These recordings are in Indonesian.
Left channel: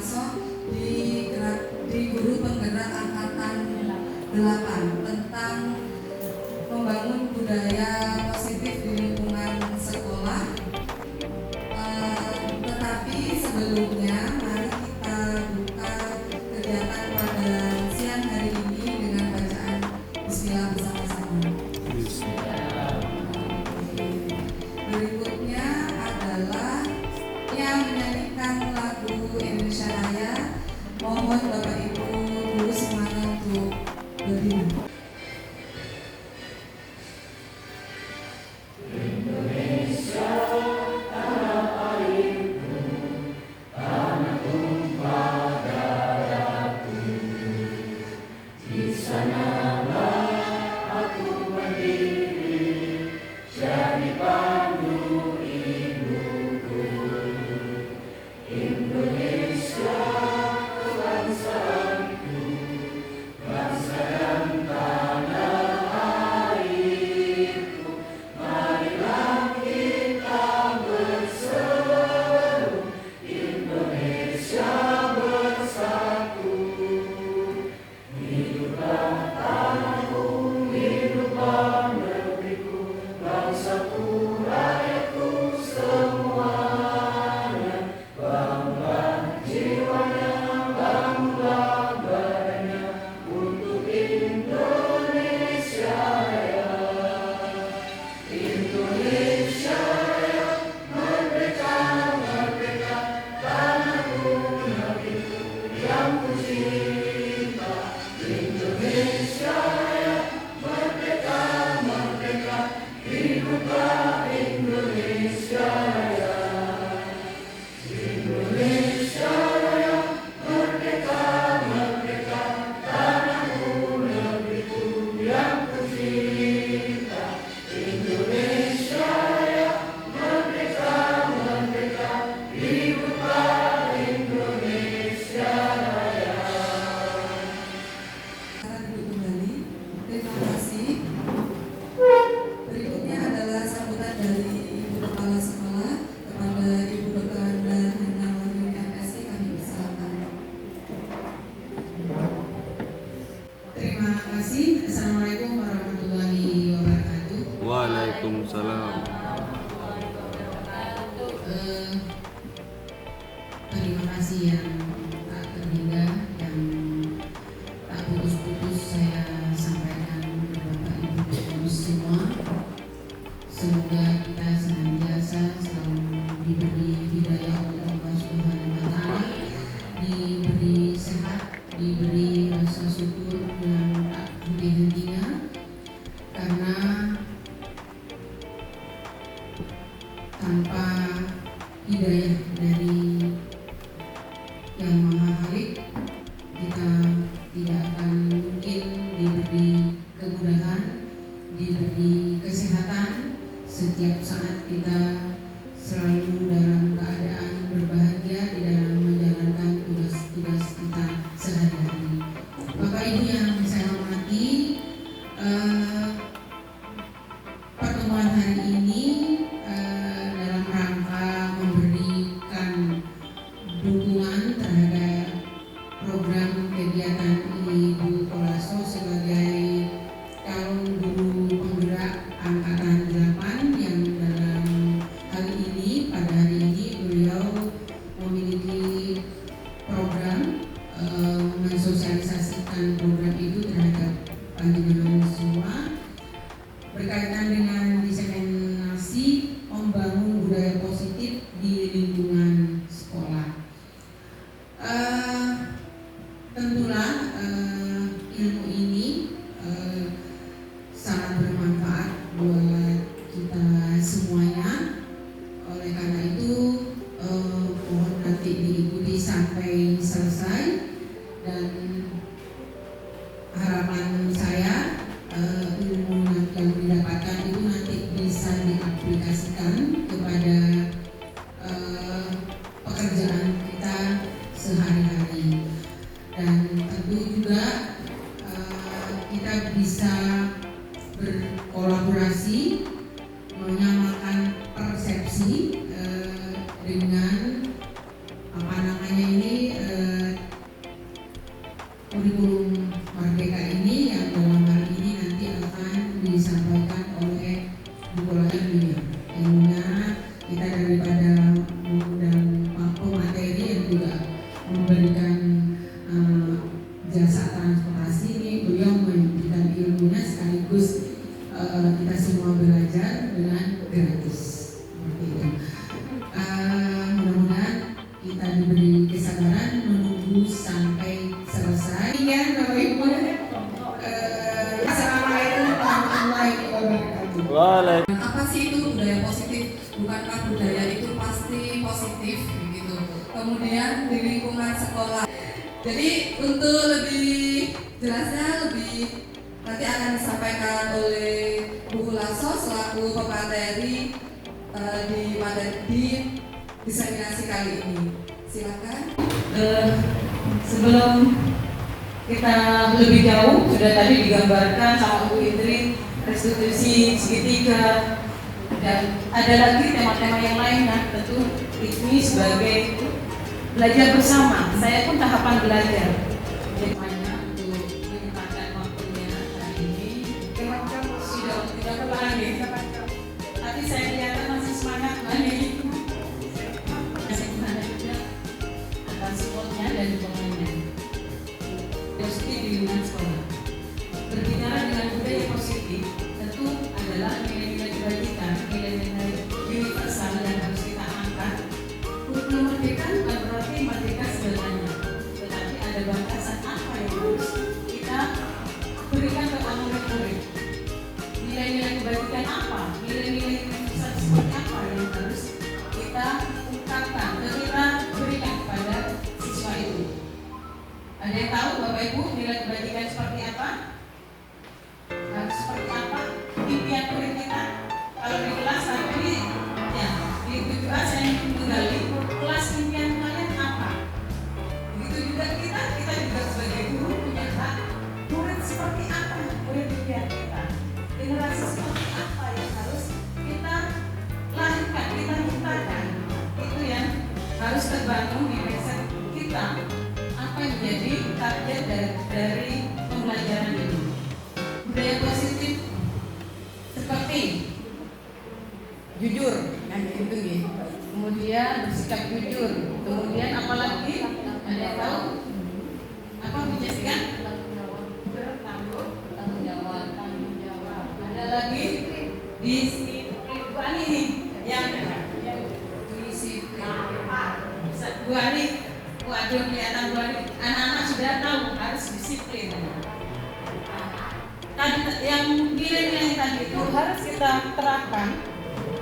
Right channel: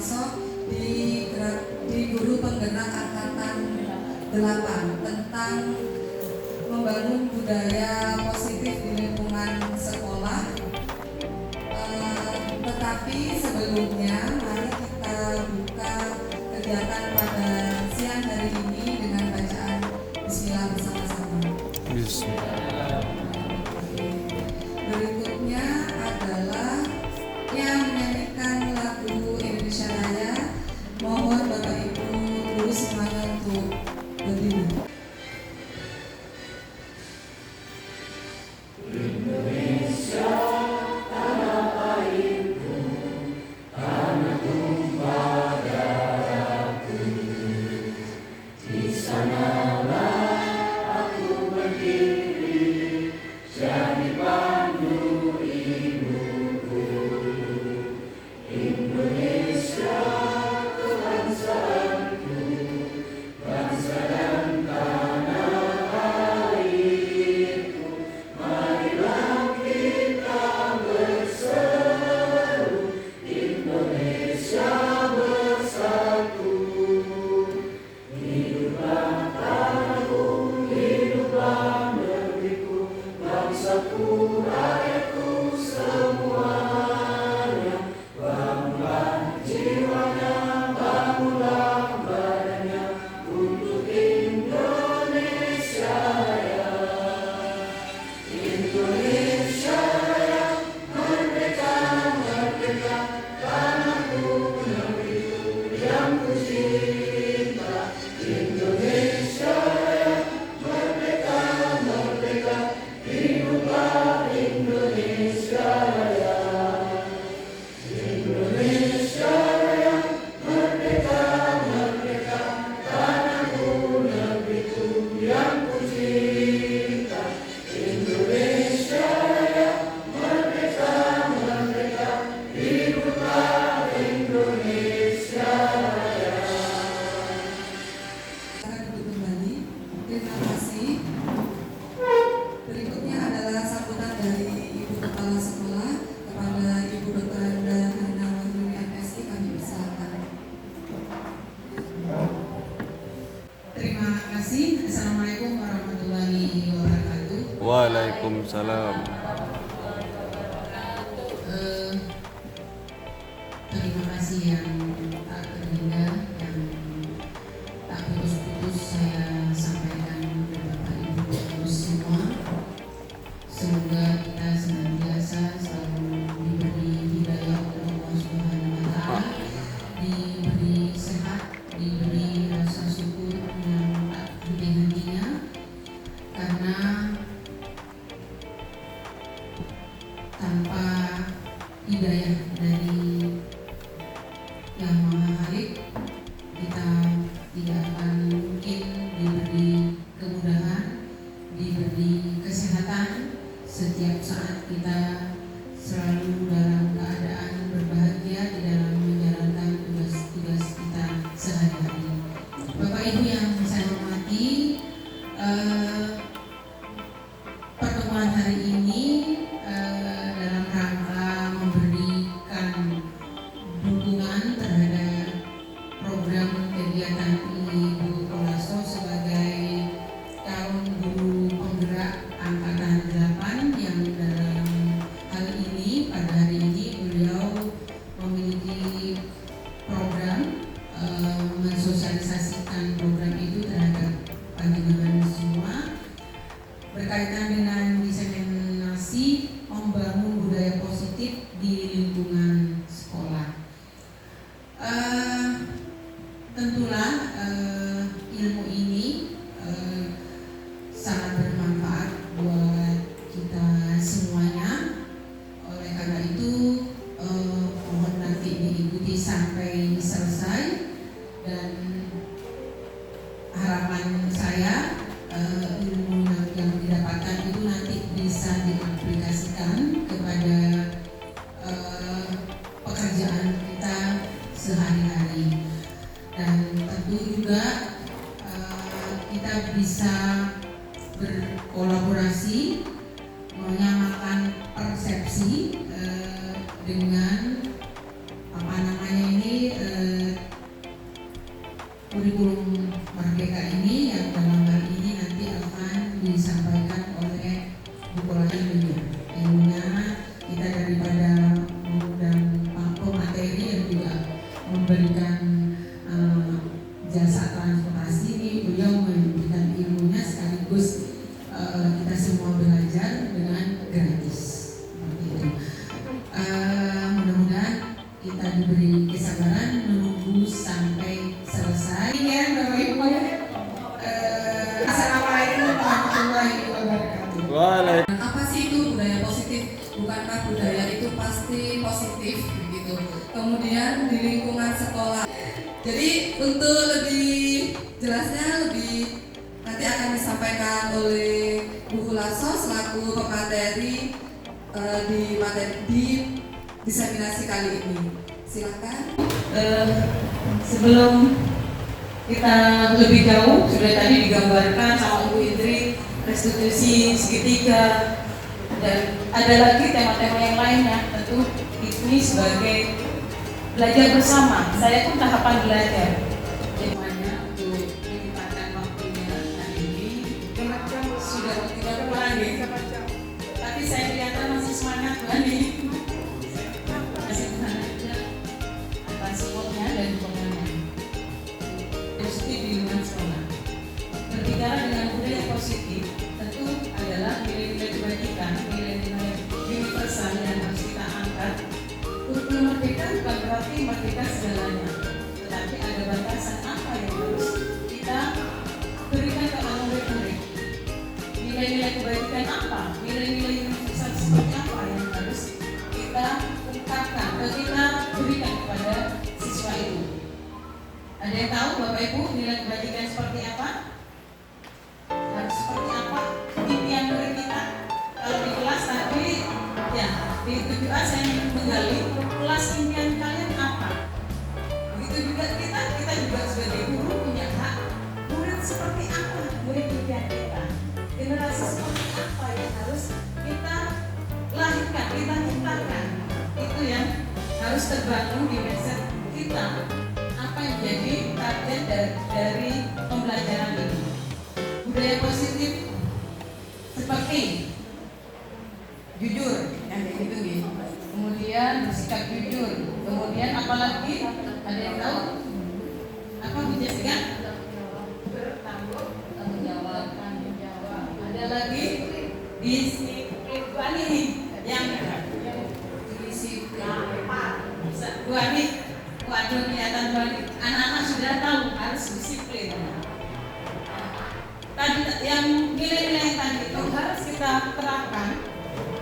Polasok di Guru Penggerak Angkatan 8 tentang membangun budaya positif di lingkungan sekolah. Tetapi sebelumnya mari kita buka kegiatan pada siang hari ini dengan bacaan Bismillah bersama-sama. Berikutnya adalah yang menyanyikan lagu Indonesia Raya. Mohon Bapak Ibu guru semuanya untuk berdiri. Assalamualaikum warahmatullahi wabarakatuh. Waalaikumsalam. Terima kasih yang tak terhingga, yang tak putus-putus saya sampaikan kepada Bapak Ibu guru semua. Semoga kita senantiasa selalu diberi hidayah oleh Allah Subhanahu wa Ta'ala, diberi sehat, diberi rasa syukur yang tak henti-hentinya, karena tanpa hidayah dari Yang Maha Baik kita tidak akan mungkin diberi kemudahan, diberi kesehatan. Setiap saat kita selalu dalam keadaan berbahagia di dalam menjalankan tugas-tugas kita sehari-hari. Bapak Ibu yang saya hormati, pertemuan hari ini dalam rangka memberikan dukungan terhadap program kegiatan Ibu Polasok sebagai calon guru penggerak angkatan 8 yang dalam hal ini pada hari ini beliau memiliki program mensosialisasikan program itu terhadap panjenengan semua berkaitan dengan diseminasi membangun budaya positif di lingkungan sekolah. Tentulah ilmu ini sangat bermanfaat buat kita semuanya. Oleh karena itu mohon nanti diikuti sampai selesai, dan harapan saya ilmu yang didapatkan itu nanti bisa diaplikasikan kepada pekerjaan kita sehari-hari, dan tentu juga kita bisa berkolaborasi menyamakan persepsi dengan apa namanya ini kita diberi kesabaran menunggu sampai selesai. Ya, Bapak Ibu. Assalamualaikum warahmatullahi wabarakatuh. Waalaikumsalam. Apa sih itu budaya positif? Bukankah budaya itu pasti positif begitu? Kemudian di lingkungan sekolah. Jadi untuk lebih jelasnya nanti akan disampaikan oleh Bu Lasso selaku pemateri di diseminasi kali ini. Silakan. Sebelum kita lebih jauh, sudah tadi digambarkan sama Bu Indri restitusi segitiga, dan ada lagi tema-tema yang lainnya. Tentu ini sebagai belajar bersama. Saya pun tahapan belajar. Semuanya untuk menyempatkan waktunya hari ini sudah tidak kurang ya. Tapi saya kelihatan masih semangat banget. Masih semangat juga atas supportnya dan dukungannya. Positif di lingkungan sekolah. Berbicara dengan budaya positif tentu adalah nilai-nilai kebajikan, nilai-nilai universal yang harus kita angkat. Kurikulum merdeka bukan berarti merdeka segalanya, tetapi ada batasan apa yang harus kita berikan ke murid-murid. Nilai-nilai kebajikan apa, nilai-nilai universal seperti apa yang harus kita ungkapkan, kita berikan kepada siswa itu. Ada yang tahu Bapak Ibu nilai kebajikan seperti apa? Harus seperti apa impian murid kita? Kalau di kelas tadi ya di 7A saya menggali kelas impian kalian apa? Begitu juga kita juga sebagai guru punya hak. Murid seperti apa murid impian kita? Generasi seperti apa yang harus kita lahirkan, kita ciptakan? Itu yang harus terbangun di mindset kita. Apa yang menjadi target dari pembelajaran ini? Budaya positif seperti jujur, yang itu gitu. Kemudian bersikap jujur. Kemudian apalagi ada yang tahu? Apa menjadikan tanggung jawab. Ada lagi disiplin. Bu Ani nih yang disiplin. Bu Ani, waduh kelihatan Bu Ani. Anak-anak sudah tahu harus disiplin. Tadi yang nilai-nilai yang tadi itu harus kita terapkan,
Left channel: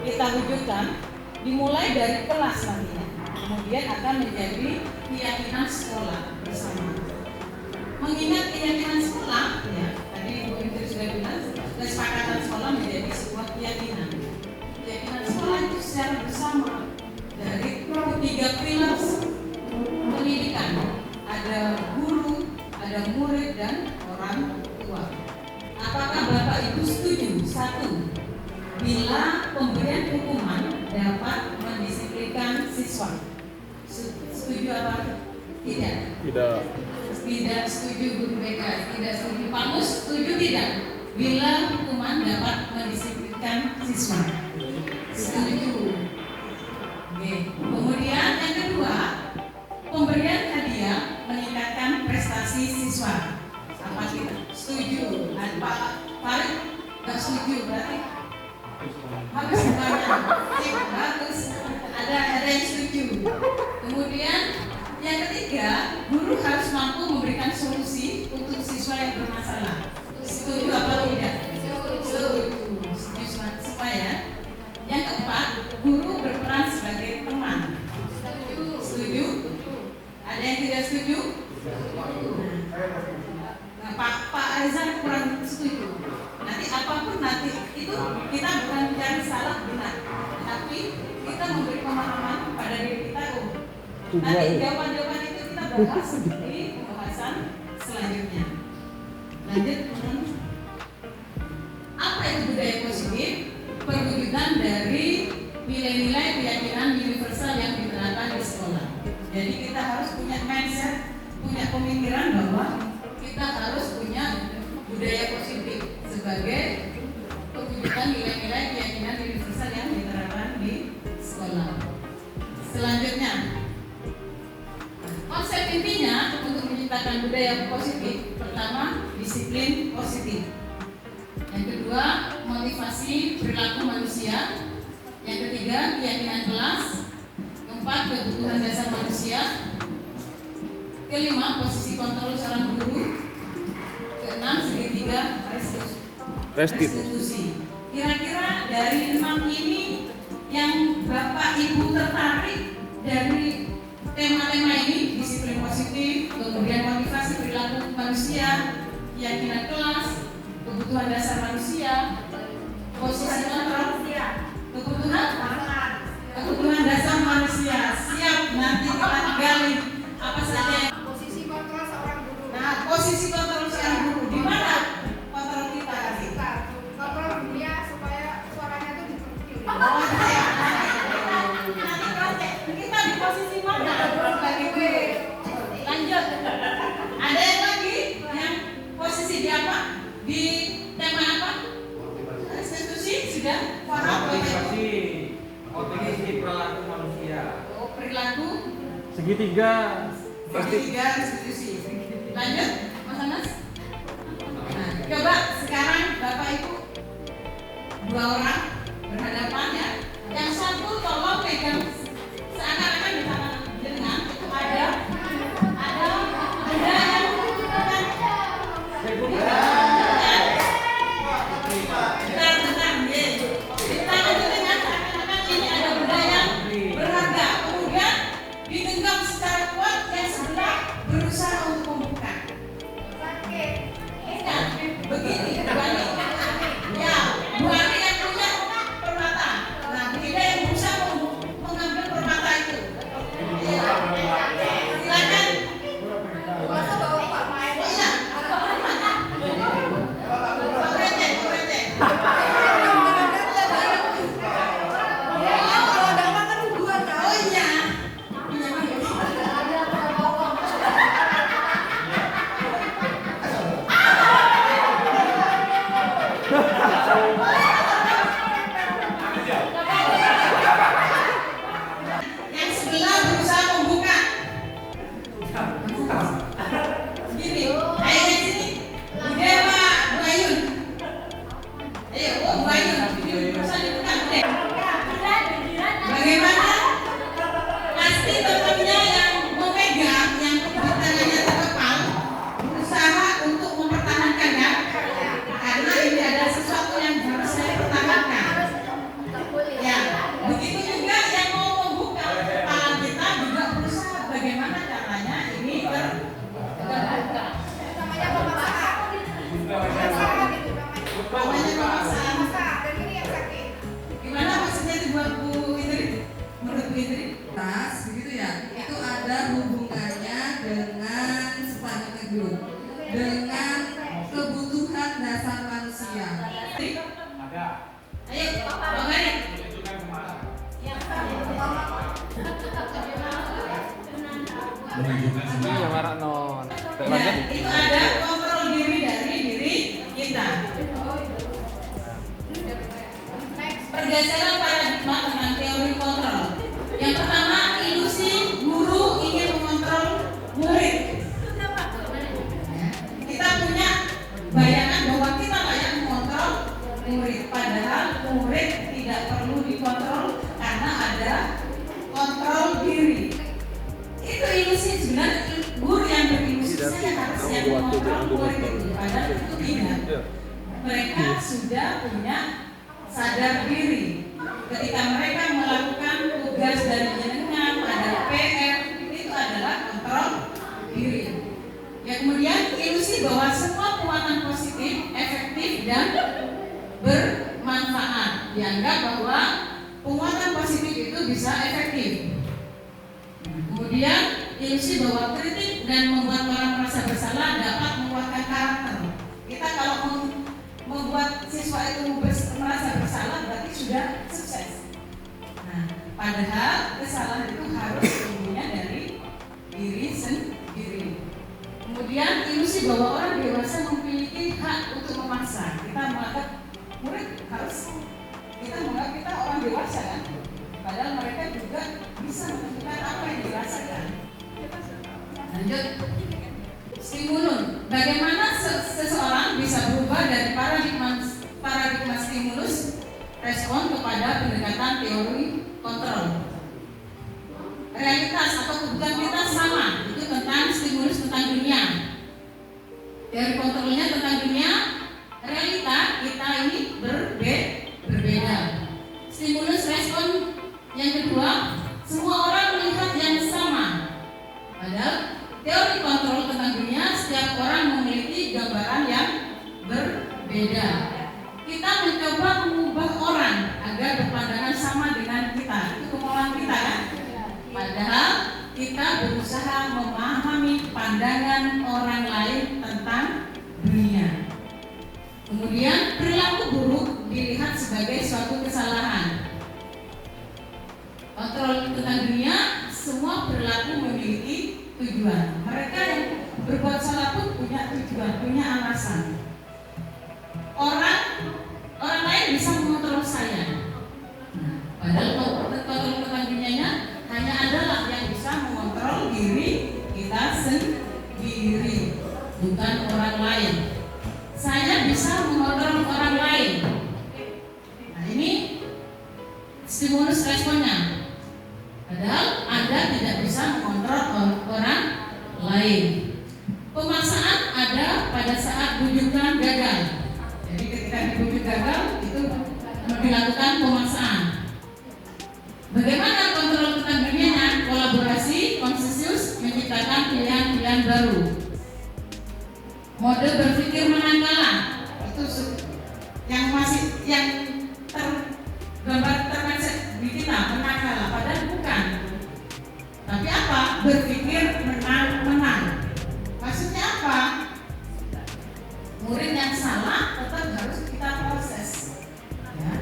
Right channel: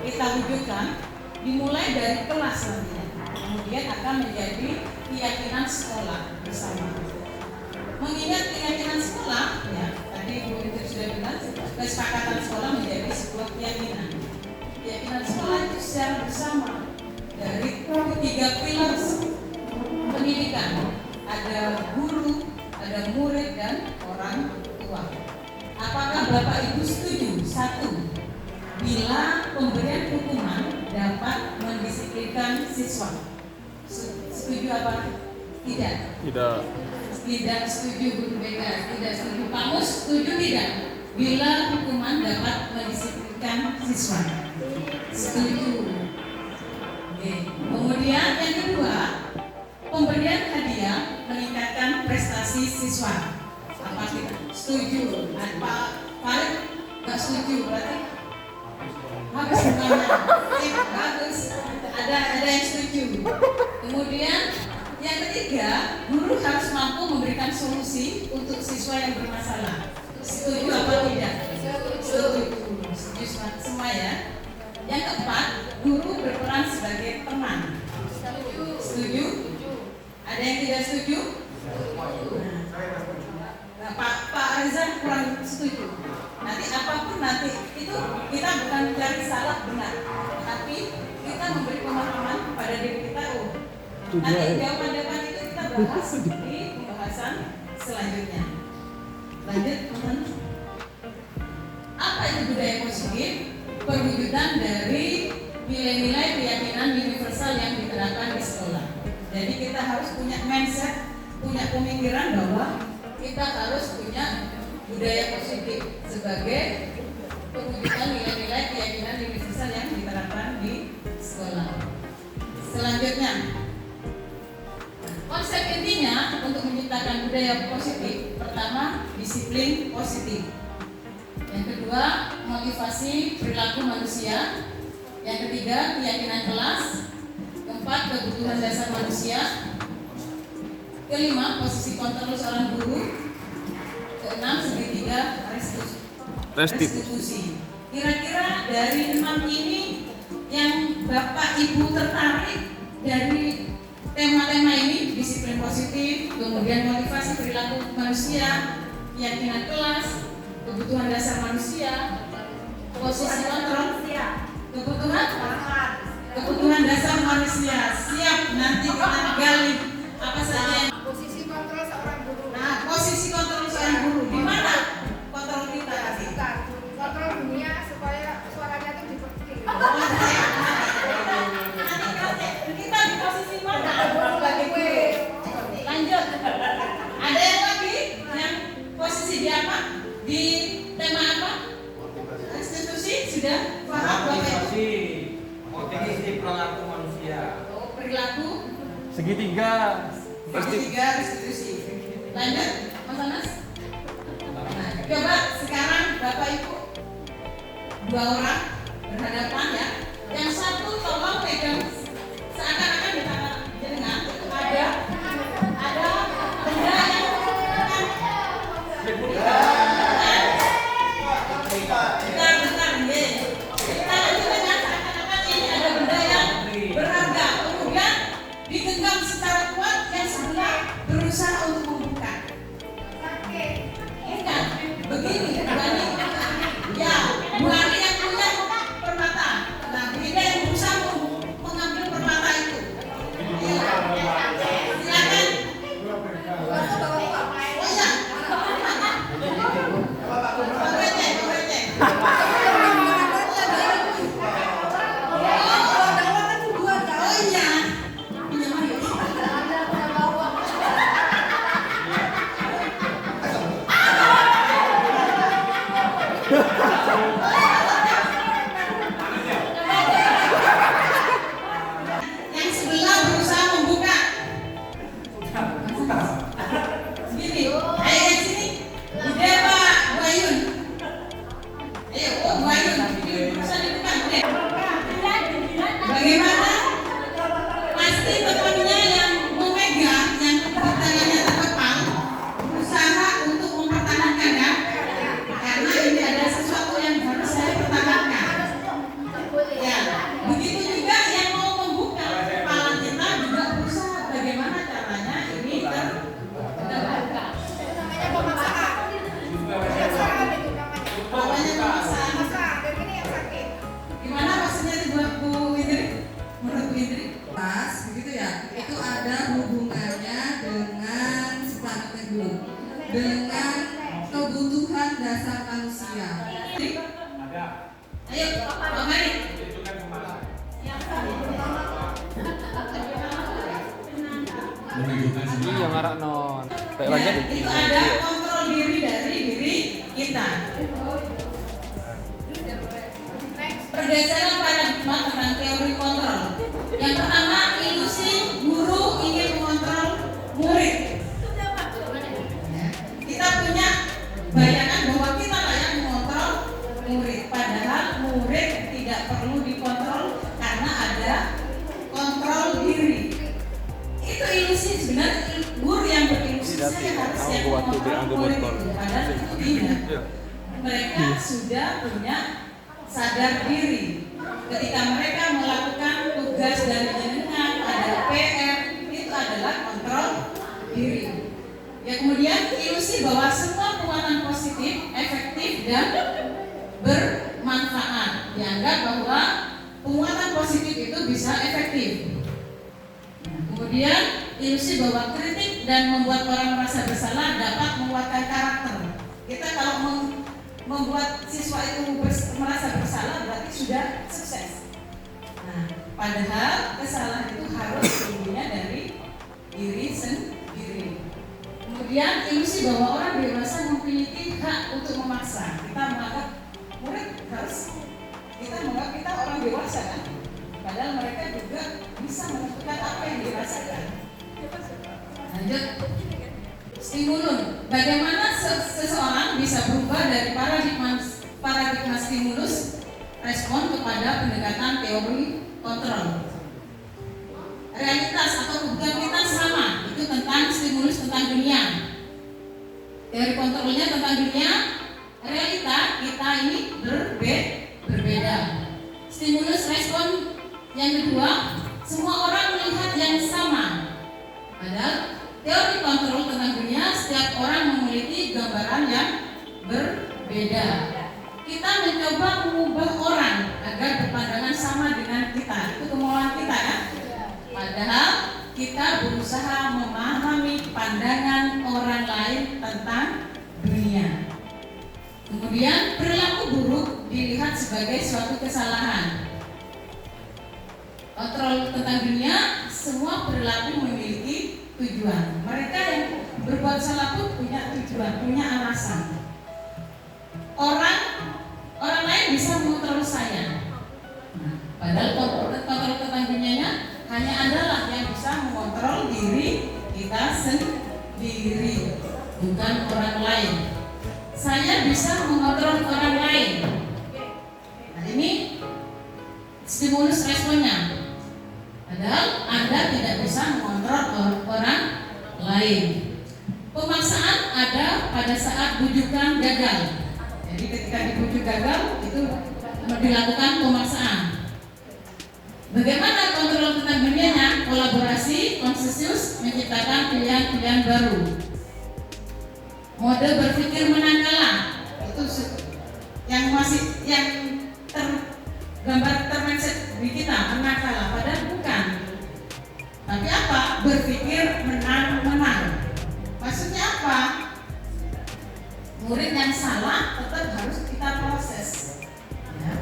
kita wujudkan, dimulai dari kelas nantinya. Kemudian akan menjadi keyakinan sekolah bersama. Mengingat keyakinan sekolah, ya tadi Bu Indri sudah bilang, kesepakatan sekolah menjadi sebuah keyakinan. Keyakinan sekolah itu secara bersama dari tiga pilar pendidikan. Ada guru, ada murid dan orang tua. Apakah Bapak Ibu setuju? Satu, bila pemberian hukuman dapat mendisiplinkan siswa. Setuju apa? Tidak. Tidak setuju guru BK. Tidak setuju. Pak Mus setuju tidak? Bila hukuman dapat mendisiplinkan siswa. Setuju. Oke. Kemudian yang kedua, pemberian hadiah meningkatkan prestasi siswa. Apa kita setuju? Pak Farid nggak setuju, berarti habis semuanya. Bagus. Ada yang setuju. Kemudian yang ketiga, guru harus mampu memberikan solusi untuk siswa yang bermasalah. Setuju apa tidak? Setuju. Semua ya. Yang keempat, guru berperan sebagai teman. Setuju? Ada yang tidak setuju? Nah, Pak Arizan kurang setuju. Nanti apapun nanti itu kita bukan mencari salah benar, tapi kita memberi pemahaman kepada diri kita. Nanti jawaban-jawaban itu kita bahas di pembahasan selanjutnya. Lanjut. Apa itu budaya positif? Perwujudan dari nilai-nilai keyakinan universal yang diterapkan di sekolah. Jadi kita harus punya mindset, punya pemikiran bahwa kita harus punya budaya positif sebagai perwujudan nilai-nilai keyakinan universal yang diterapkan di sekolah. Selanjutnya, konsep intinya untuk menciptakan budaya positif, pertama disiplin positif. Yang kedua, motivasi perilaku manusia. Yang ketiga, keyakinan kelas. Keempat, kebutuhan dasar manusia. Kelima, posisi kontrol seorang guru. Keenam, segitiga restitusi. Kira-kira dari 6 ini yang Bapak Ibu tertarik dari tema-tema ini, disiplin positif, kemudian motivasi perilaku manusia, keyakinan kelas, kebutuhan dasar manusia, posisi kontrol, kebutuhan dasar manusia. Siap, nanti kita gali apa saja yang Posisi kontrol seorang guru. nah, posisi kontrol seorang guru di mana kontrol kita tadi? Kontrol dunia supaya suaranya itu dimengerti. Kita di posisi mana sebagai guru? Lanjut. Ada yang lagi yang posisi di apa? Di tema apa? Restitusi sudah? Faham Bapak Ibu? Definisi perilaku manusia. Oh, perilaku Segitiga. restitusi. Lanjut, Mas Anas. Nah, coba sekarang Bapak Ibu 2 orang berhadapan ya. Yang satu tolong pegang seakan-akan di tangan jenengan itu ada benda yang bentar, ya. Kita jenengan seakan-akan ini ada benda yang berharga. Kemudian digenggam secara kuat yang sebelah berusaha untuk membuka. Bukan, begini, ya, Bu Ani yang punya permata. Nah, kita yang berusaha mengambil permata itu. Ya. Silakan. Oh iya. Oh iya. Yang sebelah berusaha membuka. Gini, ayo ke sini. Udah Pak Bu Ayun. Ayo, Bu Ayun. Berusaha dibuka. Udah. Bagaimana? Pasti temannya yang memegang, yang di tangannya terkepal, berusaha untuk mempertahankan ya. Karena ini ada sesuatu yang harus saya pertahankan. Ya, begitu juga yang mau membuka kepala kita juga berusaha bagaimana caranya ini terbuka. Namanya pemaksaan. Pemaksaan itu Namanya pemaksaan. Pemaksaan, dan ini yang sakit. Gimana maksudnya itu buat Bu Indri? Menurut Bu Indri? Tas, begitu ya. Itu ada hubungannya dengan selanjutnya dulu, dengan kebutuhan dasar manusia. Ayo, Pak Mari. Ini yang arah non. Kayak Ya, lanjut. itu ada kontrol diri dari diri kita. Pergeseran paradigma tentang teori kontrol. Yang pertama, ilusi guru ingin mengontrol murid. Kita punya bayangan bahwa kita layak mengontrol murid, padahal murid tidak perlu dikontrol karena ada kontrol diri. Itu ilusi, sebenarnya guru yang berilusi saya harus yang mengontrol murid itu, padahal itu tidak. Mereka sudah punya sadar diri. Ketika mereka melakukan tugas dari jenengan, ada PR, itu adalah kontrol diri. Ya, kemudian ilusi bahwa semua penguatan positif, efektif dan bermanfaat. Dianggap bahwa penguatan positif itu bisa efektif. Kemudian ilusi bahwa kritik dan membuat orang merasa bersalah dapat menguatkan karakter. Kita kalau membuat siswa itu merasa bersalah berarti sudah sukses. Nah, padahal kesalahan itu harus timbulnya dari diri sendiri. Kemudian ilusi bahwa orang dewasa memiliki hak untuk memaksa. Kita menganggap murid harus, kita menganggap kita orang dewasa kan, padahal mereka juga bisa menentukan apa yang dirasakan. Lanjut. Stimulus. Bagaimana seseorang bisa berubah dari paradigma stimulus respon kepada pendekatan teori kontrol. Realitas atau kebutuhan kita sama, itu tentang stimulus beda. Kita mencoba mengubah orang agar berpandangan sama dengan kita. Itu kemauan kita kan? Padahal kita berusaha memahami pandangan orang lain tentang dunia. Kemudian perilaku buruk dilihat sebagai suatu kesalahan. Kontrol tentang dunia, semua perilaku memiliki tujuan. Mereka yang berbuat salah pun punya tujuan, punya alasan. Orang lain bisa mengontrol saya. Padahal kontrol tentang dunianya hanya adalah yang bisa mengontrol diri kita sendiri, bukan orang lain. Saya bisa mengontrol orang lain. Nah, ini stimulus responnya. Padahal Anda tidak bisa mengontrol orang lain. Pemaksaan ada pada saat bujukan gagal. Jadi ketika dibujuk gagal itu dilakukan pemaksaan. Bagaimana kontrol tentang dunianya? Kolaborasi, konsensus, menciptakan pilihan-pilihan baru. Mode berpikir menang kalah itu yang tergambar terkonsep di kita, menang kalah. Padahal bukan. Tapi apa? Berpikir menang. Maksudnya apa? Murid yang salah tetap harus kita proses, ya.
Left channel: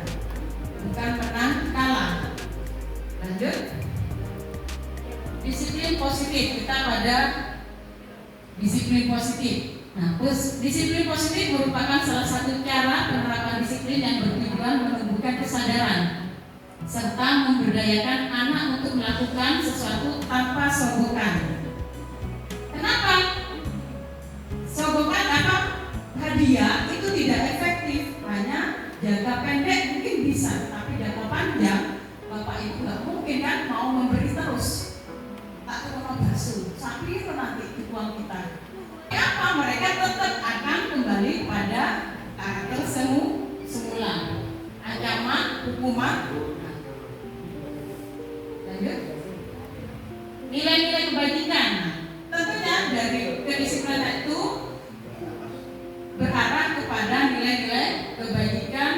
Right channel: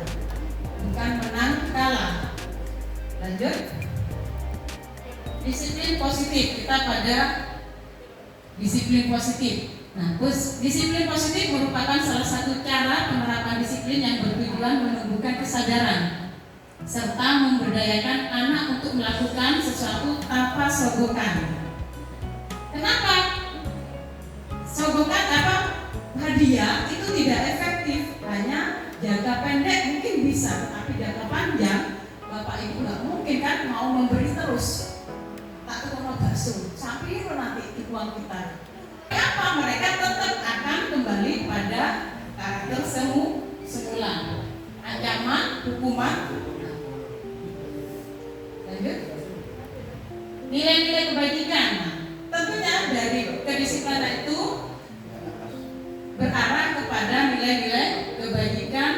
Bukan menang kalah. Lanjut. Disiplin positif. Kita pada disiplin positif. Nah, disiplin positif merupakan salah satu cara penerapan disiplin yang bertujuan menumbuhkan kesadaran serta memberdayakan anak untuk melakukan sesuatu tanpa sogokan. Kenapa? Sogokan apa? Hadiah itu tidak efektif, hanya jangka pendek mungkin bisa, tapi jangka panjang Bapak Ibu nggak mungkin kan mau memberi terus. Tak mau bakso, sampai itu nanti uang kita. Apa? Mereka tetap akan kembali pada karakter semula. Ancaman, hukuman. Lanjut. Nilai-nilai kebajikan. Tentunya dari kedisiplinan itu berarah kepada nilai-nilai kebajikan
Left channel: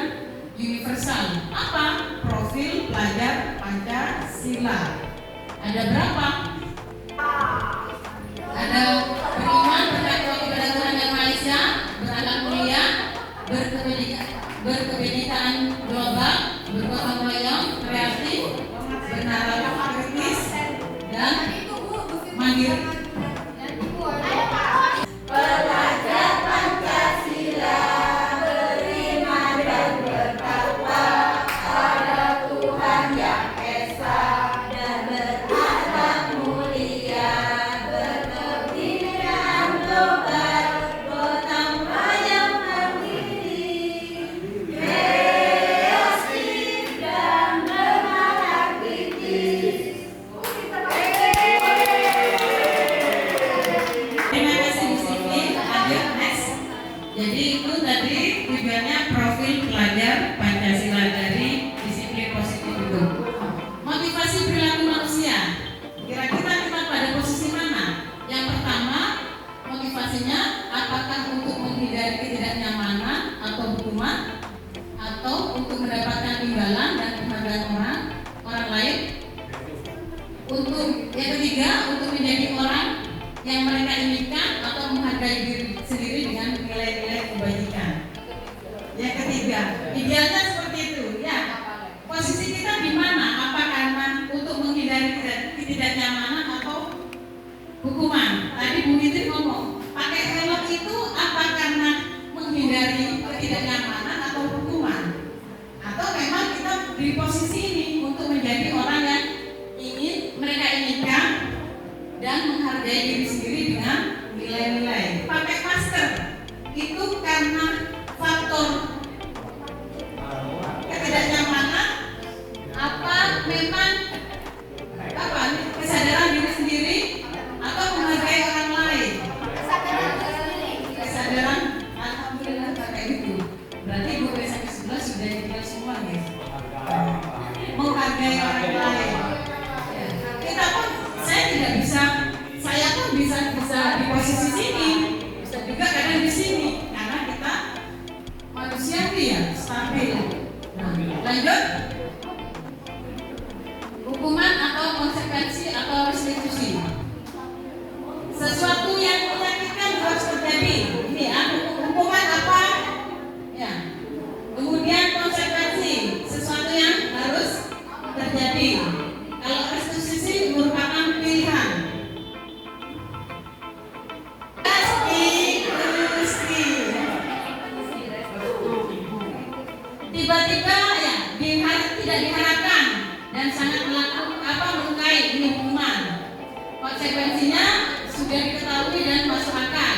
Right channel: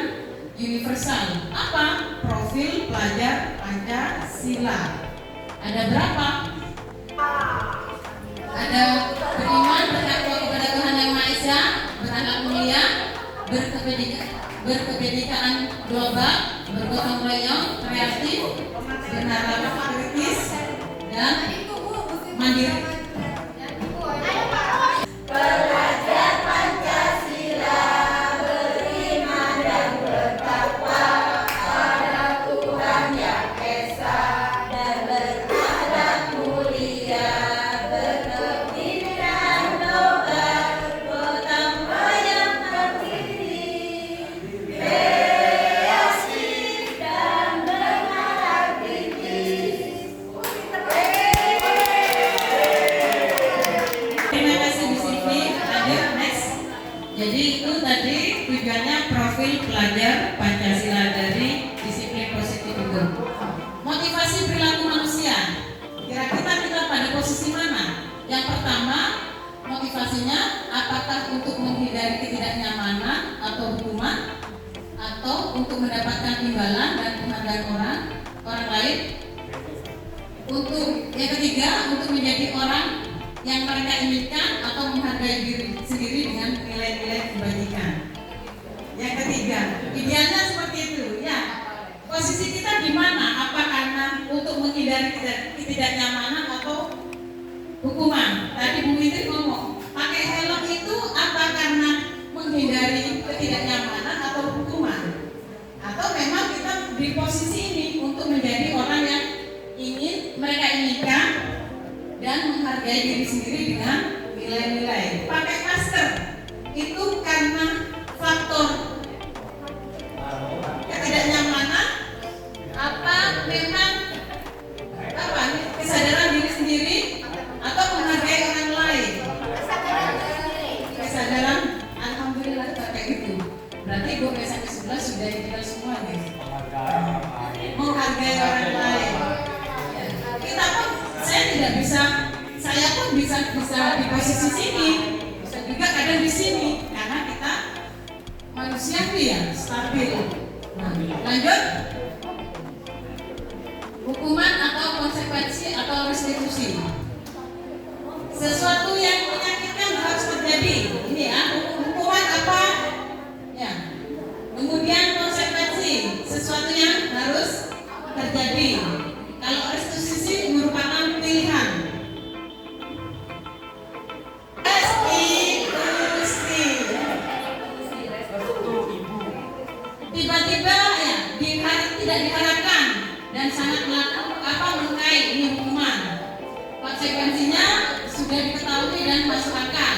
universal. Apa? Profil pelajar Pancasila. Ada berapa? Ada beriman, bertakwa kepada Tuhan Yang Maha Esa, berakhlak mulia, berkebinekaan global, bergotong royong, kreatif, bernalar kritis, dan mandiri. Pelajar Pancasila beriman dan bertakwa pada Tuhan Yang Esa dan berakhlak mulia, berkebinekaan global, gotong royong mandiri, kreatif dan bernalar kritis. Terima kasih disiplin. Lanjut next. Jadi itu tadi tujuannya profil pelajar Pancasila dari disiplin positif itu. Motivasi perilaku manusia. Kira-kira kita pada posisi mana? Yang pertama, motivasinya apakah untuk menghindari ketidaknyamanan atau hukuman, atau untuk mendapatkan imbalan dan penghargaan orang lain. Untuk yang ketiga, untuk menjadi orang yang mereka inginkan atau menghargai diri sendiri dengan nilai-nilai kebajikan. Yang ketiga, idealnya seperti itu, ya. Posisi kita di mana? Apa karena untuk menghindari ketidaknyamanan atau hukuman? Tadi Bu Fitri ngomong, pakai helm itu apa karena menghindari ketidaknyamanan atau hukuman? Atau memang kita di posisi ini untuk menjadi orang yang mereka inginkan dan menghargai diri sendiri dengan nilai-nilai. Pakai masker itu karena faktor ketidaknyamanan apa memang apa kesadaran diri sendiri atau menghargai orang lain? Kesadaran, alhamdulillah kayak gitu. Berarti 12-11 sudah kita semua nih. Menghargai orang lain. Kita pun saya pun bisa di posisi sini, bisa juga kadang di sini, karena kita manusiawi ya, stabil. Nah, lanjut. Hukuman atau konsekuensi atau restitusi. Sesuatu yang menyakitkan harus terjadi. Ini ya, hukuman apa? Ya. Kemudian konsekuensi, sesuatu yang harus terjadi. Kalau restitusi merupakan pilihan. Restitusi. Tiba-tiba ya, tidak diharapkan dan sangat melukai ini hukuman. Konsekuensinya sudah diketahui dan masuk akal.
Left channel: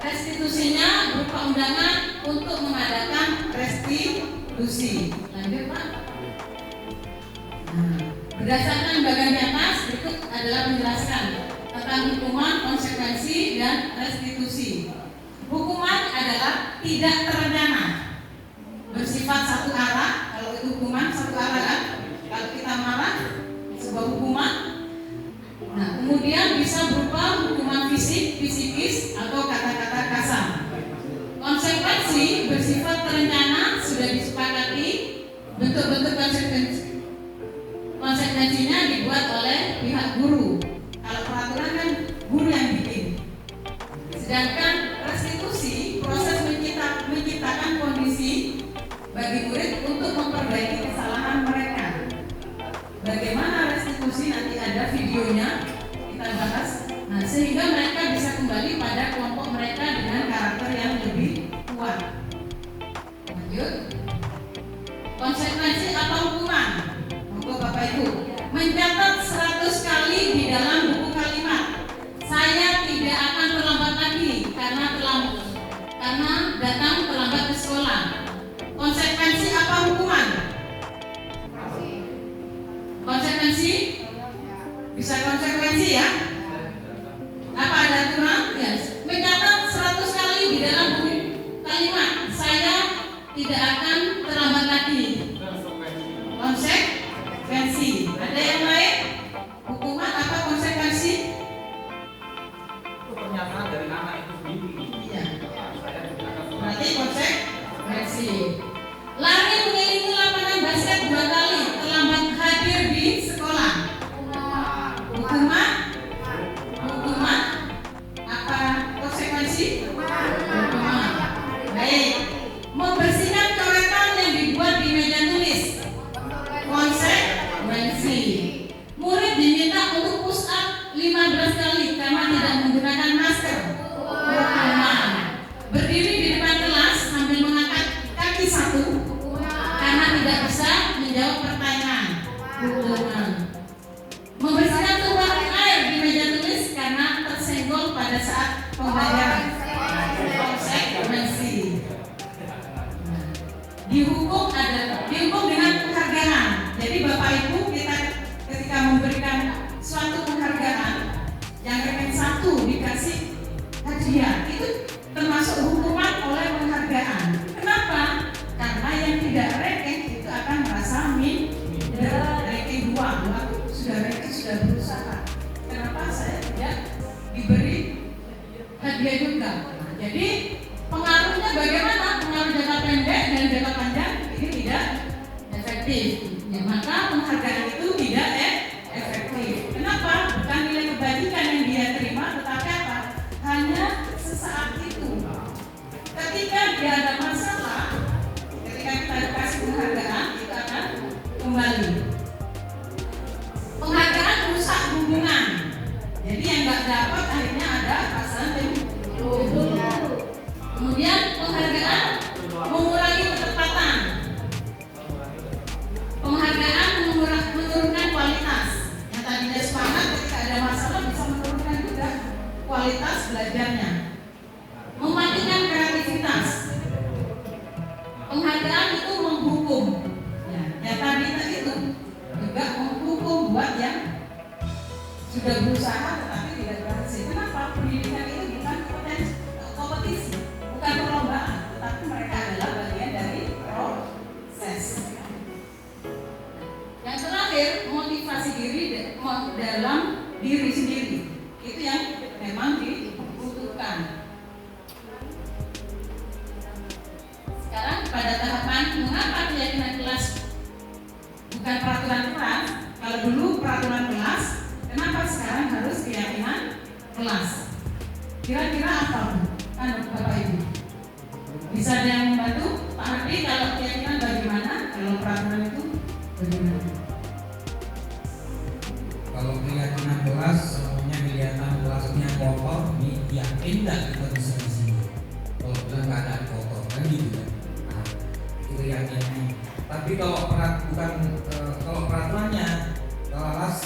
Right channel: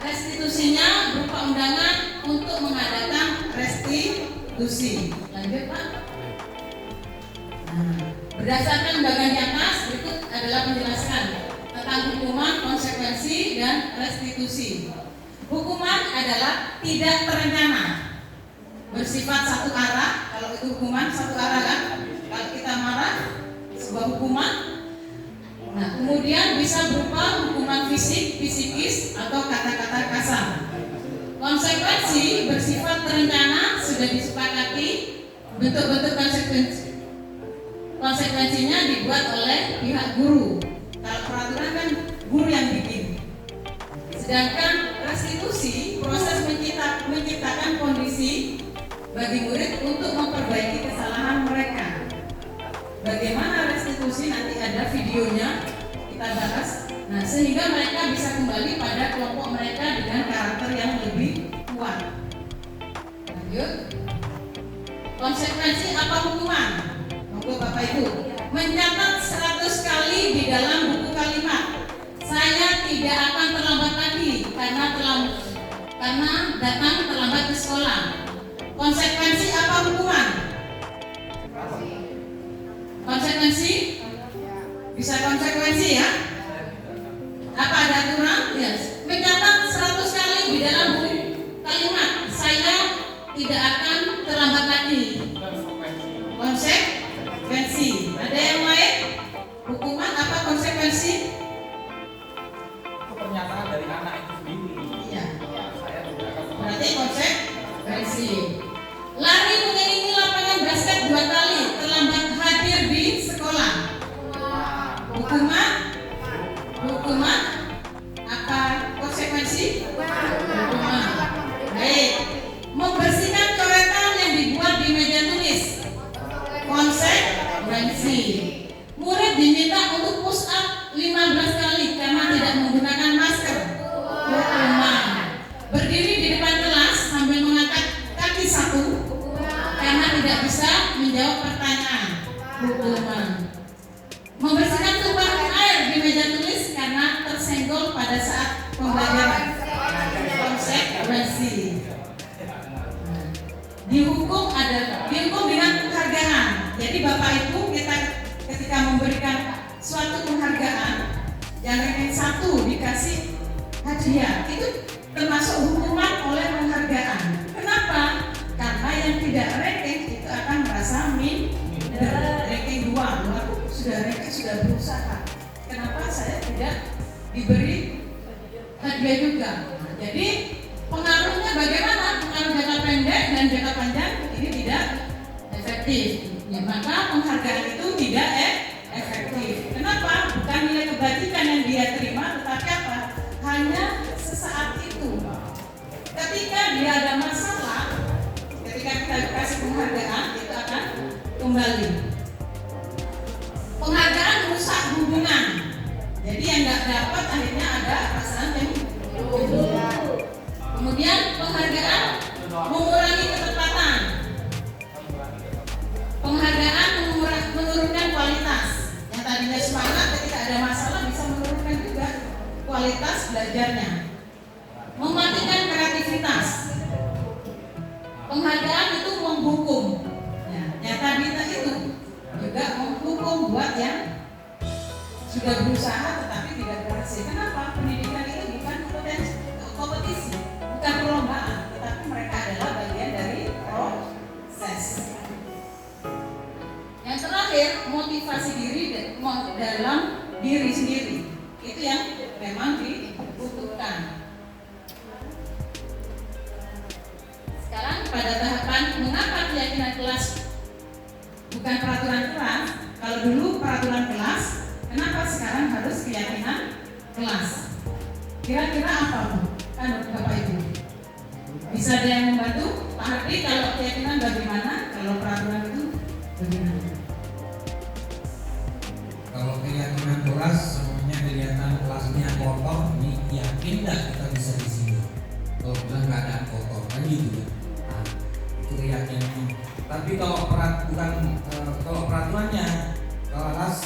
Restitusinya berupa undangan untuk mengadakan restitusi. Lanjut Pak. Berdasarkan bagian di atas, berikut adalah penjelasan tentang hukuman, konsekuensi, dan restitusi. Hukuman adalah tidak terencana, bersifat satu arah. Kalau itu hukuman satu arah kan? Kalau kita marah, sebuah hukuman. Nah, kemudian bisa berupa hukuman fisik, psikis, atau kata-kata kasar. Konsekuensi bersifat terencana, sudah disepakati. Bentuk-bentuk konsekuensinya dibuat oleh pihak guru. Kalau peraturan kan guru yang bikin. Sedangkan restitusi proses menciptakan kondisi bagi murid untuk memperbaiki kesalahan mereka. Bagaimana restitusi nanti ada videonya kita bahas. Nah, sehingga mereka bisa kembali pada kelompok mereka dengan karakter yang lebih kuat. Lanjut. Konsekuensi apa hukuman? Monggo Bapak Ibu. Mencatat 100 kali di dalam buku kalimat. Saya tidak akan terlambat lagi karena datang terlambat ke sekolah. Konsekuensi apa hukuman? Konsekuensi? Bisa konsekuensi ya? Apa ada aturan? Ya. Mencatat 100 kali di dalam buku kalimat. Saya tidak akan terlambat lagi. Konsekuensi. Ada yang lain? Hukuman apa konsekuensi? Itu pernyataan dari anak itu sendiri. Iya. Saya tidak akan. Berarti konsekuensi. Lari mengelilingi lapangan basket 2 kali, terlambat hadir di sekolah. Hukuman? Hukuman? Apa konsekuensi? Hukuman. Baik. Membersihkan coretan yang dibuat di meja tulis. Konsekuensi. Murid diminta untuk push up 15 kali karena tidak menggunakan masker. Hukuman. Berdiri di depan kelas sambil mengangkat kaki satu karena tidak bisa menjawab pertanyaan. Hukuman. Membersihkan tumpahan air di meja tulis karena tersenggol pada saat pembelajaran. Konsekuensi. Dihukum dengan penghargaan. Jadi Bapak Ibu, kita ketika memberikan suatu penghargaan yang ranking 1 dikasih hadiah, itu termasuk hukuman oleh penghargaan. Kenapa? Karena yang tidak ranking itu akan merasa ranking 2 sudah ranking, sudah berusaha. Kenapa saya tidak diberi hadiah juga? Nah, jadi pengaruhnya bagaimana? Pengaruh jangka pendek dan jangka panjang ini tidak efektif. Ya, maka penghargaan itu tidak efektif. Kenapa? Bukan nilai kebajikan yang dia terima, tetapi apa? Hanya sesaat itu. Ketika dia ada masalah, ketika kita kasih penghargaan, itu akan kembali. Penghargaan merusak hubungan. Jadi yang nggak dapat akhirnya ada perasaan cemburu. Kemudian penghargaan mengurangi ketepatan. Penghargaan menurunkan kualitas. Yang tadinya semangat ketika ada masalah bisa menurunkan juga kualitas belajarnya. Mematikan kreativitas. Penghargaan itu menghukum. Ya, yang tadi itu juga menghukum buat yang sudah berusaha tetapi tidak berhasil. Kenapa? Pendidikan itu bukan kompetisi, bukan perlombaan, tetapi mereka adalah bagian dari proses. Yang terakhir, motivasi diri dalam diri sendiri. Itu yang memang dibutuhkan. Sekarang kelas. Kira-kira apa Bu? Kan Bapak Ibu? Bisa ada yang membantu? Pak Hardi, kalau keyakinan bagaimana? Kalau peraturan itu bagaimana? Kalau keyakinan kelas, semuanya kelihatan kelasnya kotor, ini yakin nggak kita bisa di sini? Kalau bilang keadaan kotor, kan gitu ya. Nah, itu keyakinannya. Tapi kalau kalau peraturannya, kelas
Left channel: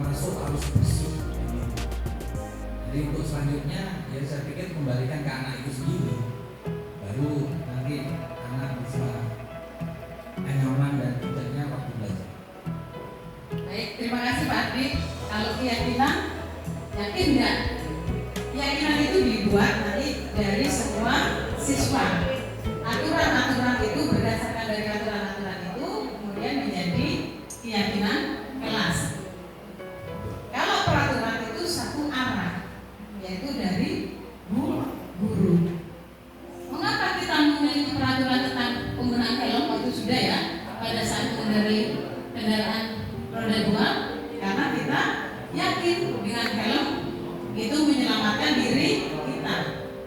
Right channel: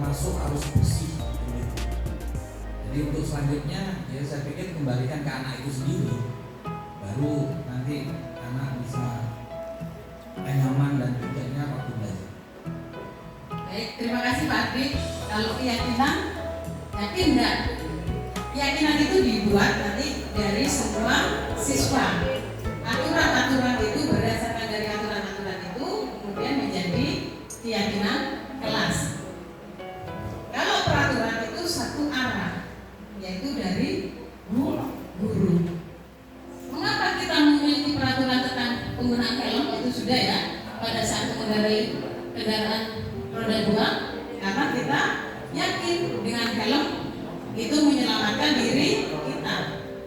masuk harus bersih. Gitu. Jadi untuk selanjutnya, ya saya pikir kembalikan ke anak itu sendiri, baru nanti anak bisa nyaman dan tidaknya waktu belajar. Baik, terima kasih Pak Ardi. Kalau keyakinan, yakin nggak? Keyakinan itu dibuat nanti dari semua siswa. Aturan-aturan itu berdasarkan dari aturan-aturan itu kemudian menjadi keyakinan kelas. Kalau peraturan itu satu arah, yaitu dari guru. Mengapa kita memiliki peraturan tentang penggunaan helm? Itu sudah ya pada saat mengendarai kendaraan roda 2, karena kita yakin dengan helm itu menyelamatkan diri kita.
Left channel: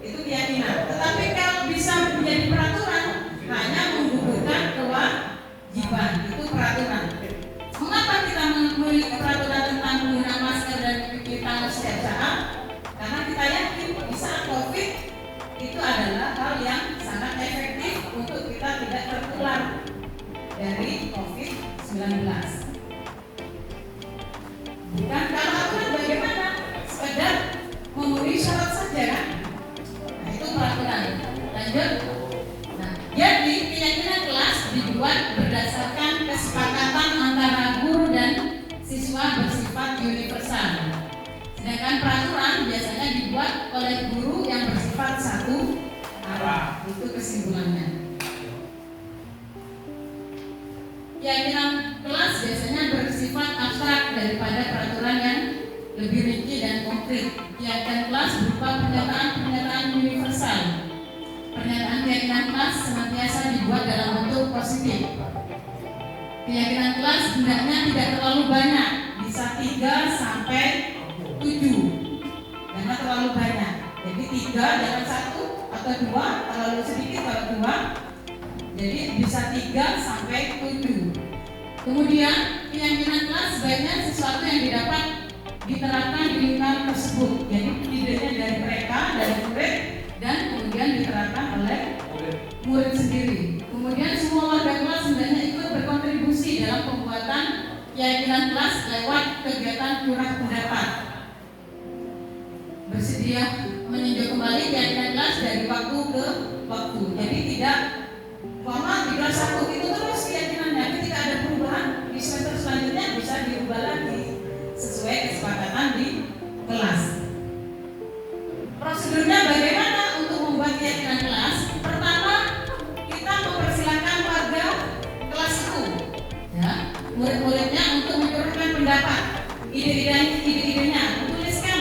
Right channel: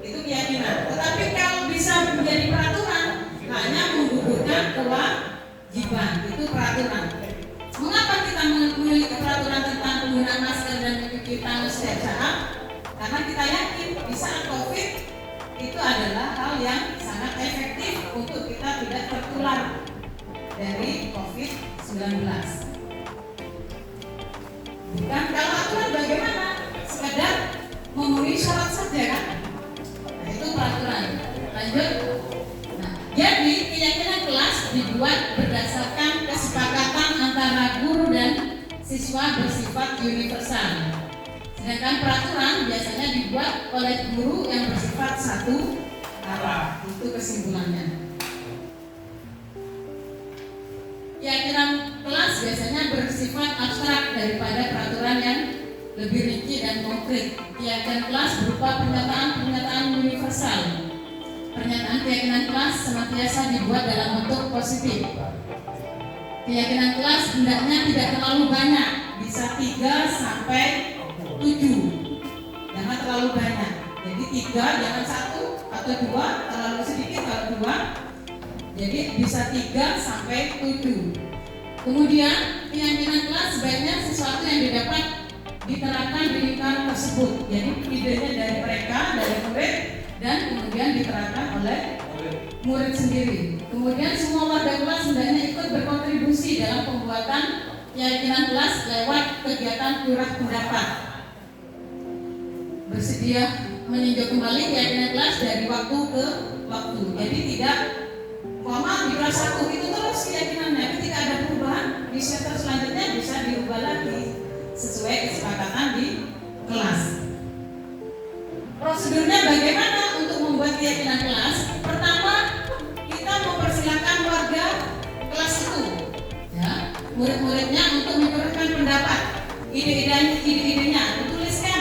Itu keyakinan. Tetapi kalau bisa menjadi peraturan, hanya menggugurkan kewajiban. Itu peraturan. Mengapa kita memiliki peraturan tentang penggunaan masker dan mencuci tangan setiap saat? Karena kita yakin di saat COVID itu adalah hal yang sangat efektif untuk kita tidak tertular dari COVID-19. Bukan kalau aturan bagaimana? Sekedar memenuhi syarat saja kan? Nah, itu peraturan. Lanjut. Nah, jadi keyakinan kelas dibuat berdasarkan kesepakatan antara guru dan siswa bersifat universal. Sedangkan peraturan biasanya dibuat oleh guru yang bersifat satu arah. Itu kesimpulannya. Keyakinan kelas biasanya bersifat abstrak daripada peraturan yang lebih rinci dan konkret. Keyakinan kelas berupa pernyataan-pernyataan universal. Pernyataan keyakinan kelas senantiasa dibuat dalam bentuk positif. Keyakinan kelas hendaknya tidak terlalu banyak, bisa 3 sampai 7. Jangan terlalu banyak. Jadi 3 jangan 1 atau 2, terlalu sedikit kalau 2. Jadi bisa 3 sampai 7. Kemudian keyakinan kelas sebaiknya sesuatu yang didapat diterapkan di lingkungan tersebut. Jadi idenya dari mereka, dari murid, dan kemudian diterapkan oleh murid sendiri. Kemudian semua warga kelas hendaknya ikut berkontribusi dalam pembuatan keyakinan kelas lewat kegiatan curah pendapat. Bersedia meninjau kembali keyakinan kelas dari waktu ke waktu. Jadi tidak di kelas 1 itu terus keyakinannya, ketika ada perubahan di semester selanjutnya bisa diubah lagi sesuai kesepakatan di kelas. Prosedurnya bagaimana untuk membuat keyakinan kelas? Pertama, kita mempersilakan warga kelas itu, ya, murid-muridnya untuk memberikan pendapat, ide-idenya, menuliskan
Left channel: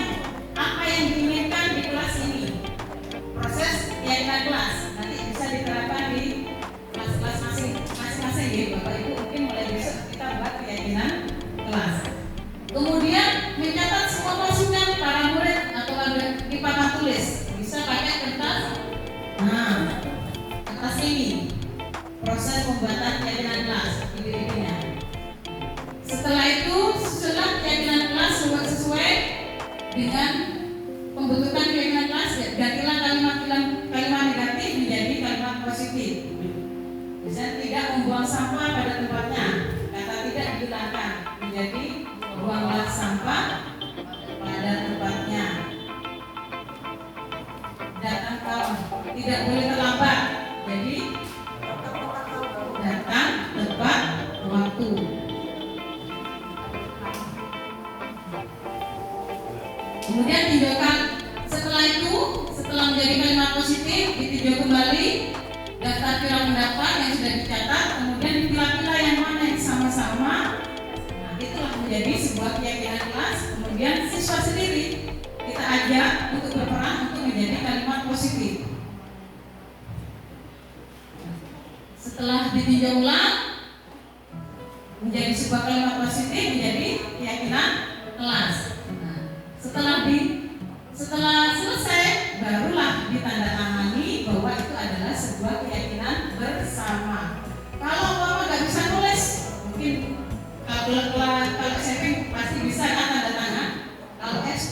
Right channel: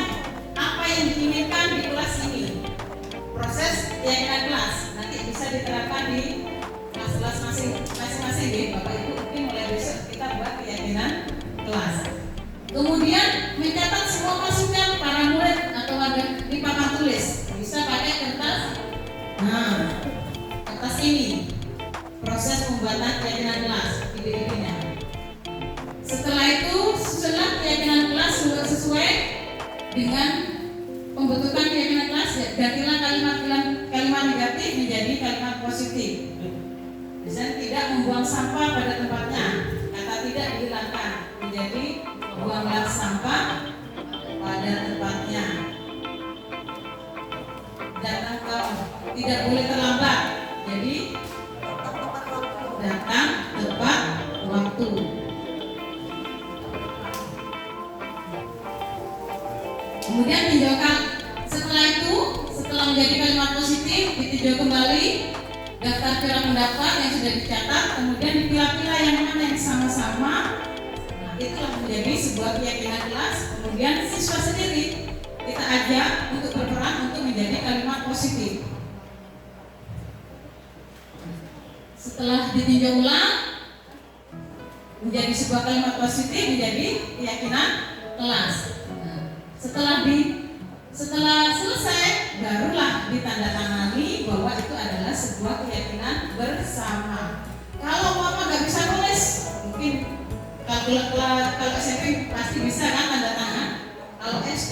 apa yang diinginkan di kelas ini. Proses keyakinan kelas nanti bisa diterapkan di kelas-kelas masing-masing ya Bapak Ibu. Mungkin mulai besok kita buat keyakinan kelas. Kemudian mencatat semua masukan para murid atau warga di papan tulis. Bisa pakai kertas. Nah, kertas ini proses pembuatan keyakinan kelas, ide-idenya. Setelah itu, setelah keyakinan kelas sudah sesuai dengan pembentukan keyakinan kelas, gantilah kalimat negatif menjadi kalimat positif. Misalnya tidak membuang sampah pada tempatnya, kata tidak dihilangkan menjadi buanglah sampah pada tempatnya. Dan engkau tidak boleh terlambat, jadi datang tepat waktu. Kemudian tinjaukan setelah itu, setelah menjadi kalimat positif, ditinjau kembali daftar curah pendapat yang sudah dicatat, kemudian dipilah-pilah yang mana yang sama-sama. Nah, itu menjadi sebuah keyakinan kelas. Kemudian siswa sendiri kita ajak untuk berperan untuk menjadi kalimat positif. Setelah ditinjau ulang menjadi sebuah kalimat positif, menjadi keyakinan kelas. Nah, setelah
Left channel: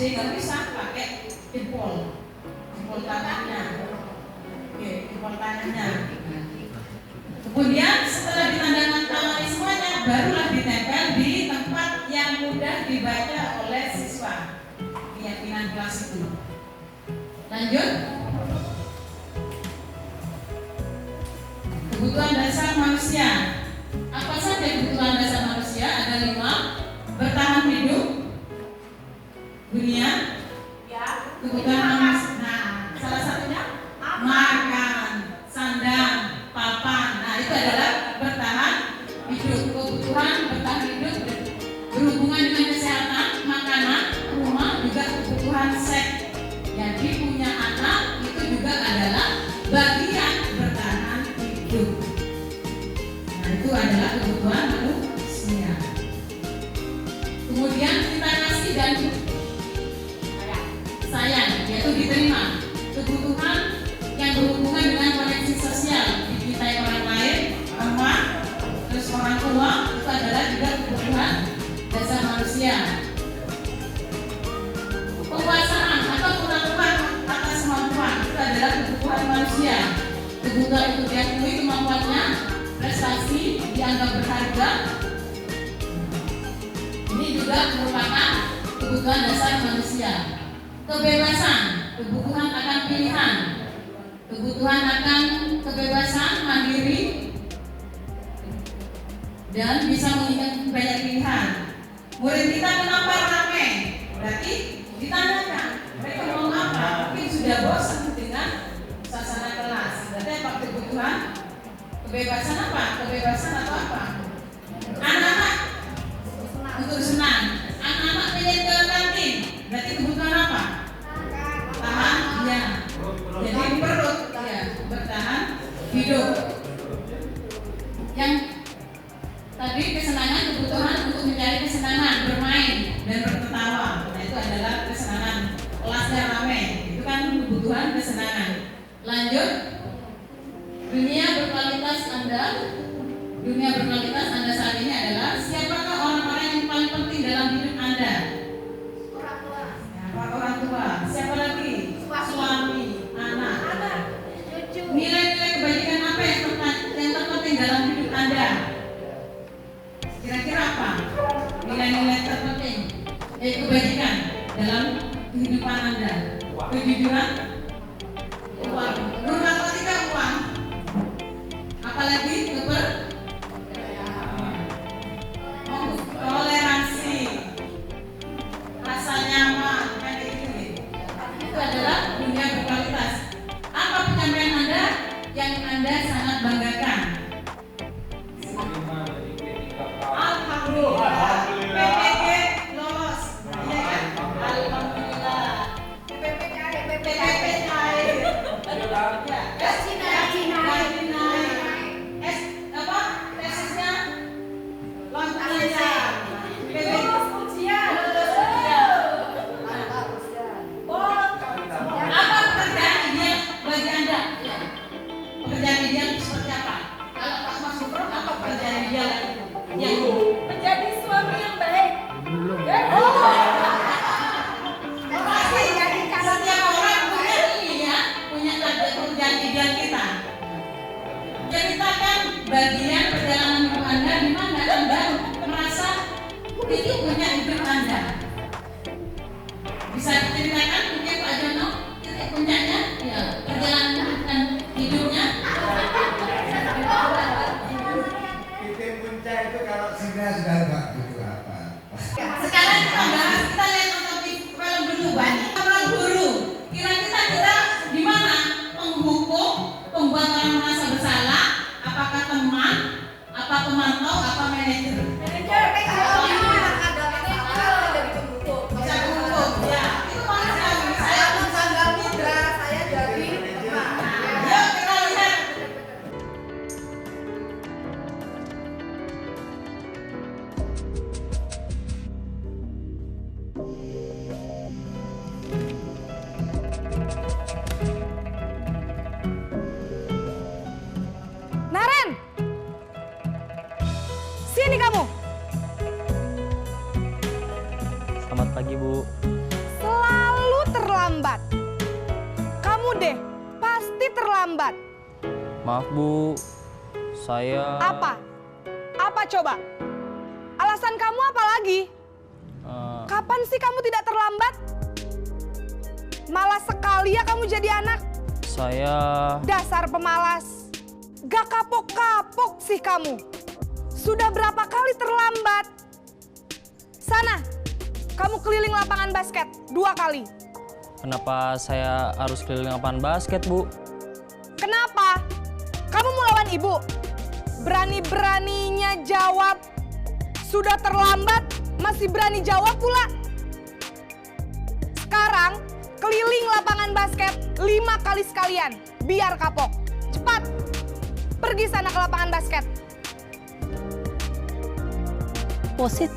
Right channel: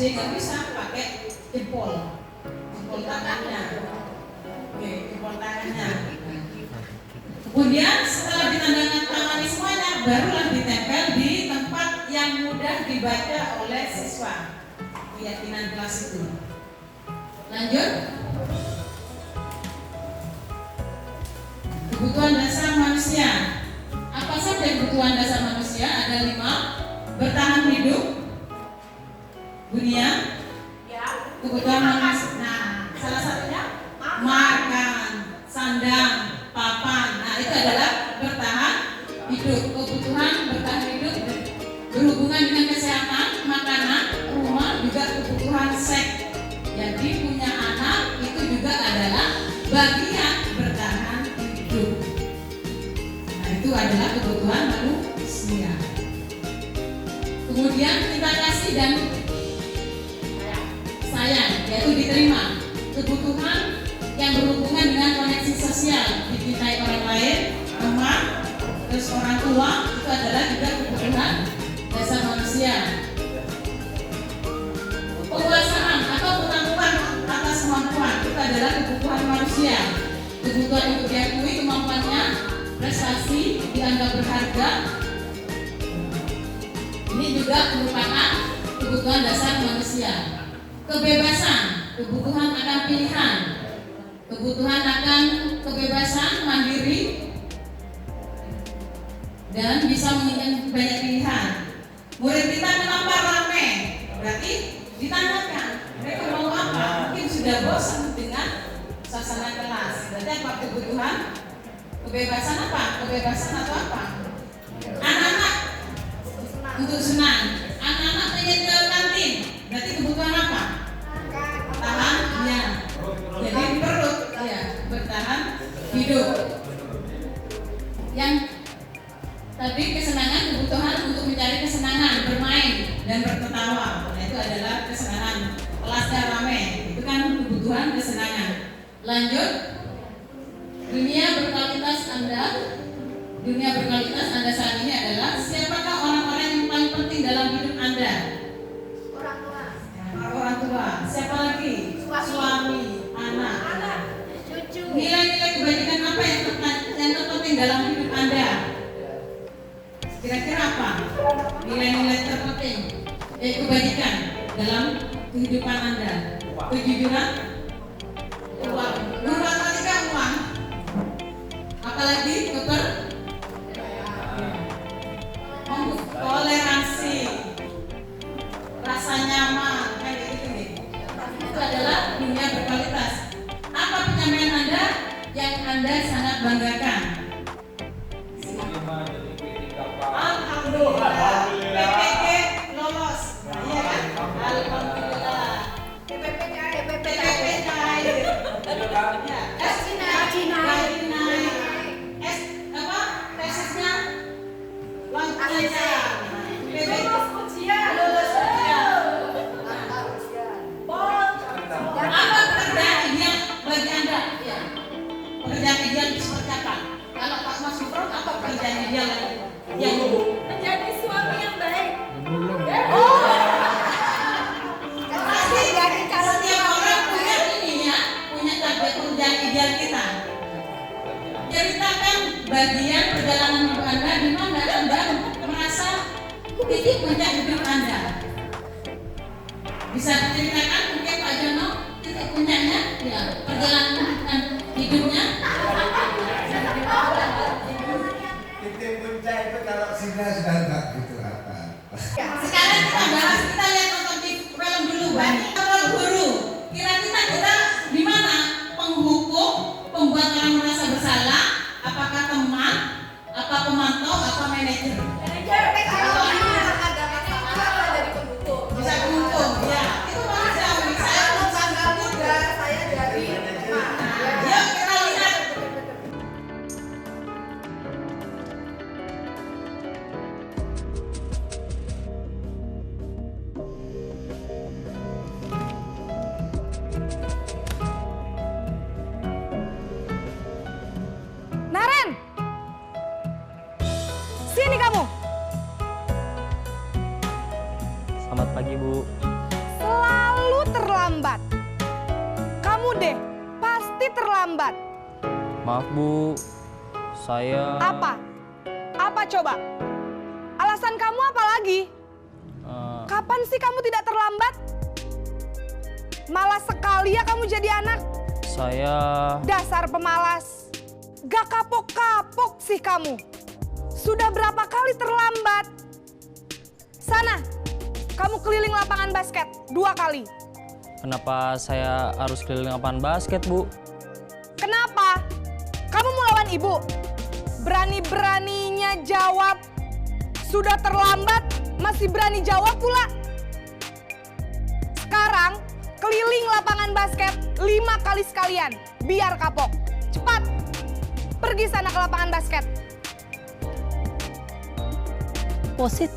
SD nggak bisa pakai jempol tangannya. Oke, jempol tangannya. Kemudian setelah ditandatangani semuanya, barulah ditempel di tempat yang mudah dibaca oleh siswa. Keyakinan kelas itu. Lanjut. Kebutuhan dasar manusia. Apa saja kebutuhan dasar manusia? Ada 5. Bertahan hidup. Bunian. Kebutuhan manusia. Nah, salah satunya makan, sandang, papan. Nah, itu adalah bertahan hidup. Kebutuhan bertahan hidup berhubungan dengan kesehatan, makanan, rumah, juga kebutuhan seks. Jadi punya anak itu juga adalah bagian bertahan hidup. Nah, itu adalah kebutuhan manusia. Kemudian cinta kasih dan sayang, yaitu diterima. Kebutuhan yang berhubungan dengan koneksi sosial, dicintai orang lain, teman, terus orang tua, itu adalah juga kebutuhan dasar manusia. Penguasaan atau pengakuan atas kemampuan, itu adalah kebutuhan manusia. Kebutuhan itu diakui kemampuannya, prestasi, dianggap berharga. Ini juga merupakan kebutuhan dasar manusia. Kebebasan, kebutuhan akan pilihan, kebutuhan akan kebebasan mandiri dan bisa menginginkan banyak pilihan. Murid kita kenapa rame? Berarti ditanyakan mereka mau apa? Mungkin sudah bosan dengan suasana kelas. Berarti apa kebutuhan? Kebebasan apa? Kebebasan atau apa? Anak-anak untuk senang. Anak-anak pengen ke kantin. Berarti kebutuhan apa? Tahan, ya. Jadi perut, ya, bertahan hidup. Yang tadi kesenangan, kebutuhan untuk mencari kesenangan, bermain dan bertertawa. Nah, itu adalah kesenangan. Kelasnya ramai, itu kan kebutuhan kesenangan. Lanjut. Dunia berkualitas Anda saat ini adalah siapakah orang-orang yang paling penting dalam hidup Anda? Orang tua. Siapa lagi? Suami, anak. Nilai-nilai kebajikan apa yang terpenting dalam hidup Anda? Kira-kira apa? Nilai-nilai terpenting kebajikan dalam kehidupan Anda. Kejujuran, uang. Nomor ketiga uang. Apalagi toleransi, rasa nyaman, kayak gitu. Itu adalah dunia berkualitas. Apa pencapaian Anda yang Anda sangat banggakan? Alhamdulillah. PPG lolos, iya kan? Alhamdulillah. PPP naik. Ya, gaji naik. Tesisnya lancar. Lulus ujian. Apa pekerjaan ideal bagi Anda? Ya. Pekerjaan ideal seperti apa? Kalau Pak Mas Supro, apa pekerjaan ideal yang Menjadi suami yang baik. pasti setiap orang punya ini ya, punya target pekerjaan ideal kita. Ceritakan bagian perjalanan hidup Anda di mana Anda merasa titik puncak hidup Anda. Bisa diceritakan mungkin Pak Jono titik puncaknya, ya perjalanan hidupnya. Titik puncak itu kalau segera sudah enggak gitu apa. Sekarang kita bahas, kita lihat nonton film dulu banyak. Kalau guru, kira-kira kita di mana? Penghukum, pembuat orang merasa bersalah, apakah teman, apa pemantau, apa manajer? Bisa penghukum, ya. Itu manusiawi. Saya Tanggal muda saya jadi teman. Yuk kita lihat terlambat. Kamu deh, pasti terlambat. Maaf Bu, saya... Apa? Apa coba? Alasan kamu apa lagi? Kapan sih kamu tidak terlambat? Malas sekali ya kamu jadi anak. Saya... Dasar pemalas. Gak kapok-kapok sih kamu. Sudah berapa kali terlambat? Sana, kamu keliling lapangan basket 2 kali. Kenapa saya harus keliling lapangan basket, Bu? Kenapa? Kamu mau lawan ibu? Berani-beraninya jawab. Sudah terlambat, masih berani jawab pula. Sekarang, keliling lapangan basket 5 kali sekalian. Biar kapok. Cepat, pergi sana ke lapangan basket. Posit.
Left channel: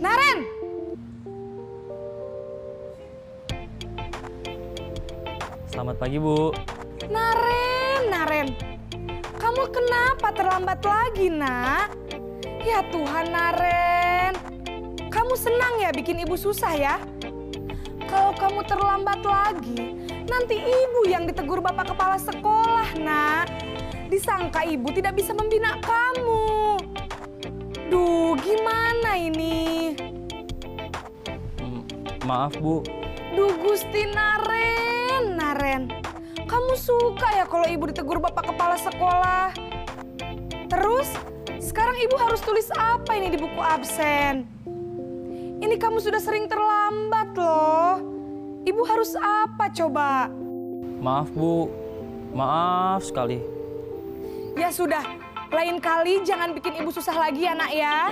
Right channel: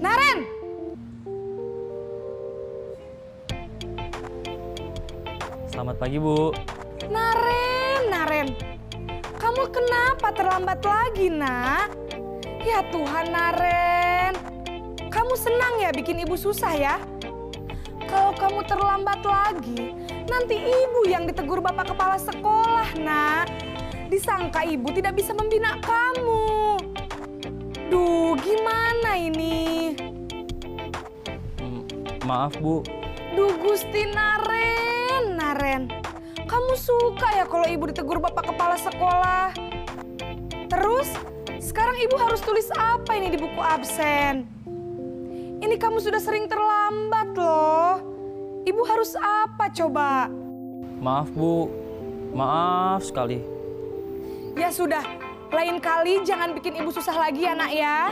Naren! Selamat pagi, Bu. Naren. Kamu kenapa terlambat lagi, nak? Ya Tuhan, Naren. Kamu senang ya bikin ibu susah ya? Kalau kamu terlambat lagi, nanti ibu yang ditegur bapak kepala sekolah, nak. Disangka ibu tidak bisa membina kamu. Duh, gimana ini? Maaf, Bu. Duh, Gusti Naren. Kamu suka ya kalau ibu ditegur bapak kepala sekolah? Terus, sekarang ibu harus tulis apa ini di buku absen? Ini kamu sudah sering terlambat loh. Ibu harus apa coba? Maaf, Bu. Maaf sekali. Ya sudah, lain kali jangan bikin ibu susah lagi ya, nak ya.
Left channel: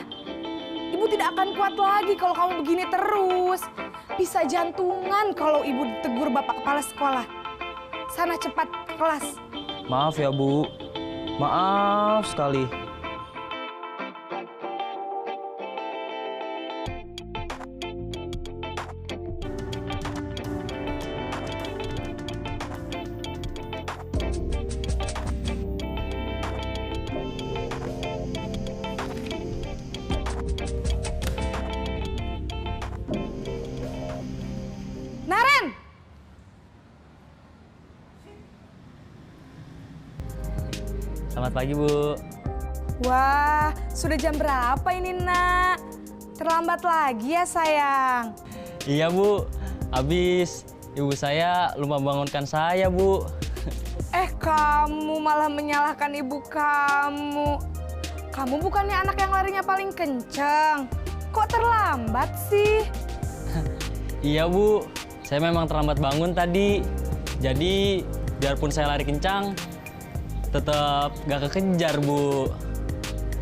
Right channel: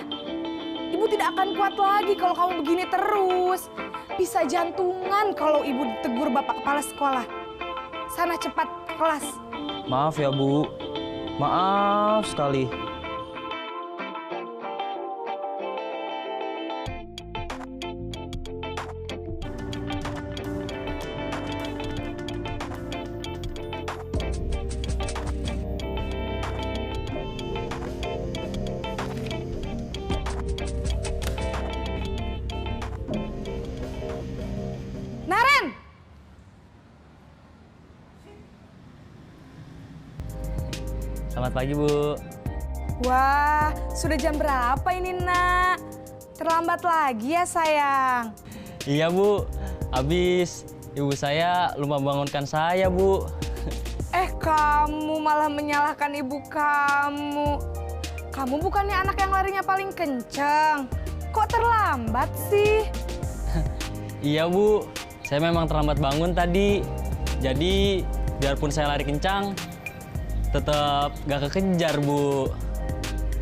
Ibu tidak akan kuat lagi kalau kamu begini terus. Bisa jantungan kalau ibu ditegur bapak kepala sekolah. Sana cepat ke kelas. Maaf ya, Bu. Maaf sekali. Naren! Selamat pagi, Bu. Wah, sudah jam berapa ini, nak? Terlambat lagi ya, sayang. Iya, Bu. Habis ibu saya lupa bangunkan saya, Bu. Kamu malah menyalahkan ibu kamu. Kamu bukannya anak yang larinya paling kenceng. Kok terlambat sih? Iya, Bu. Saya memang terlambat bangun tadi. Jadi, biarpun saya lari kencang, tetap gak kekejar, Bu.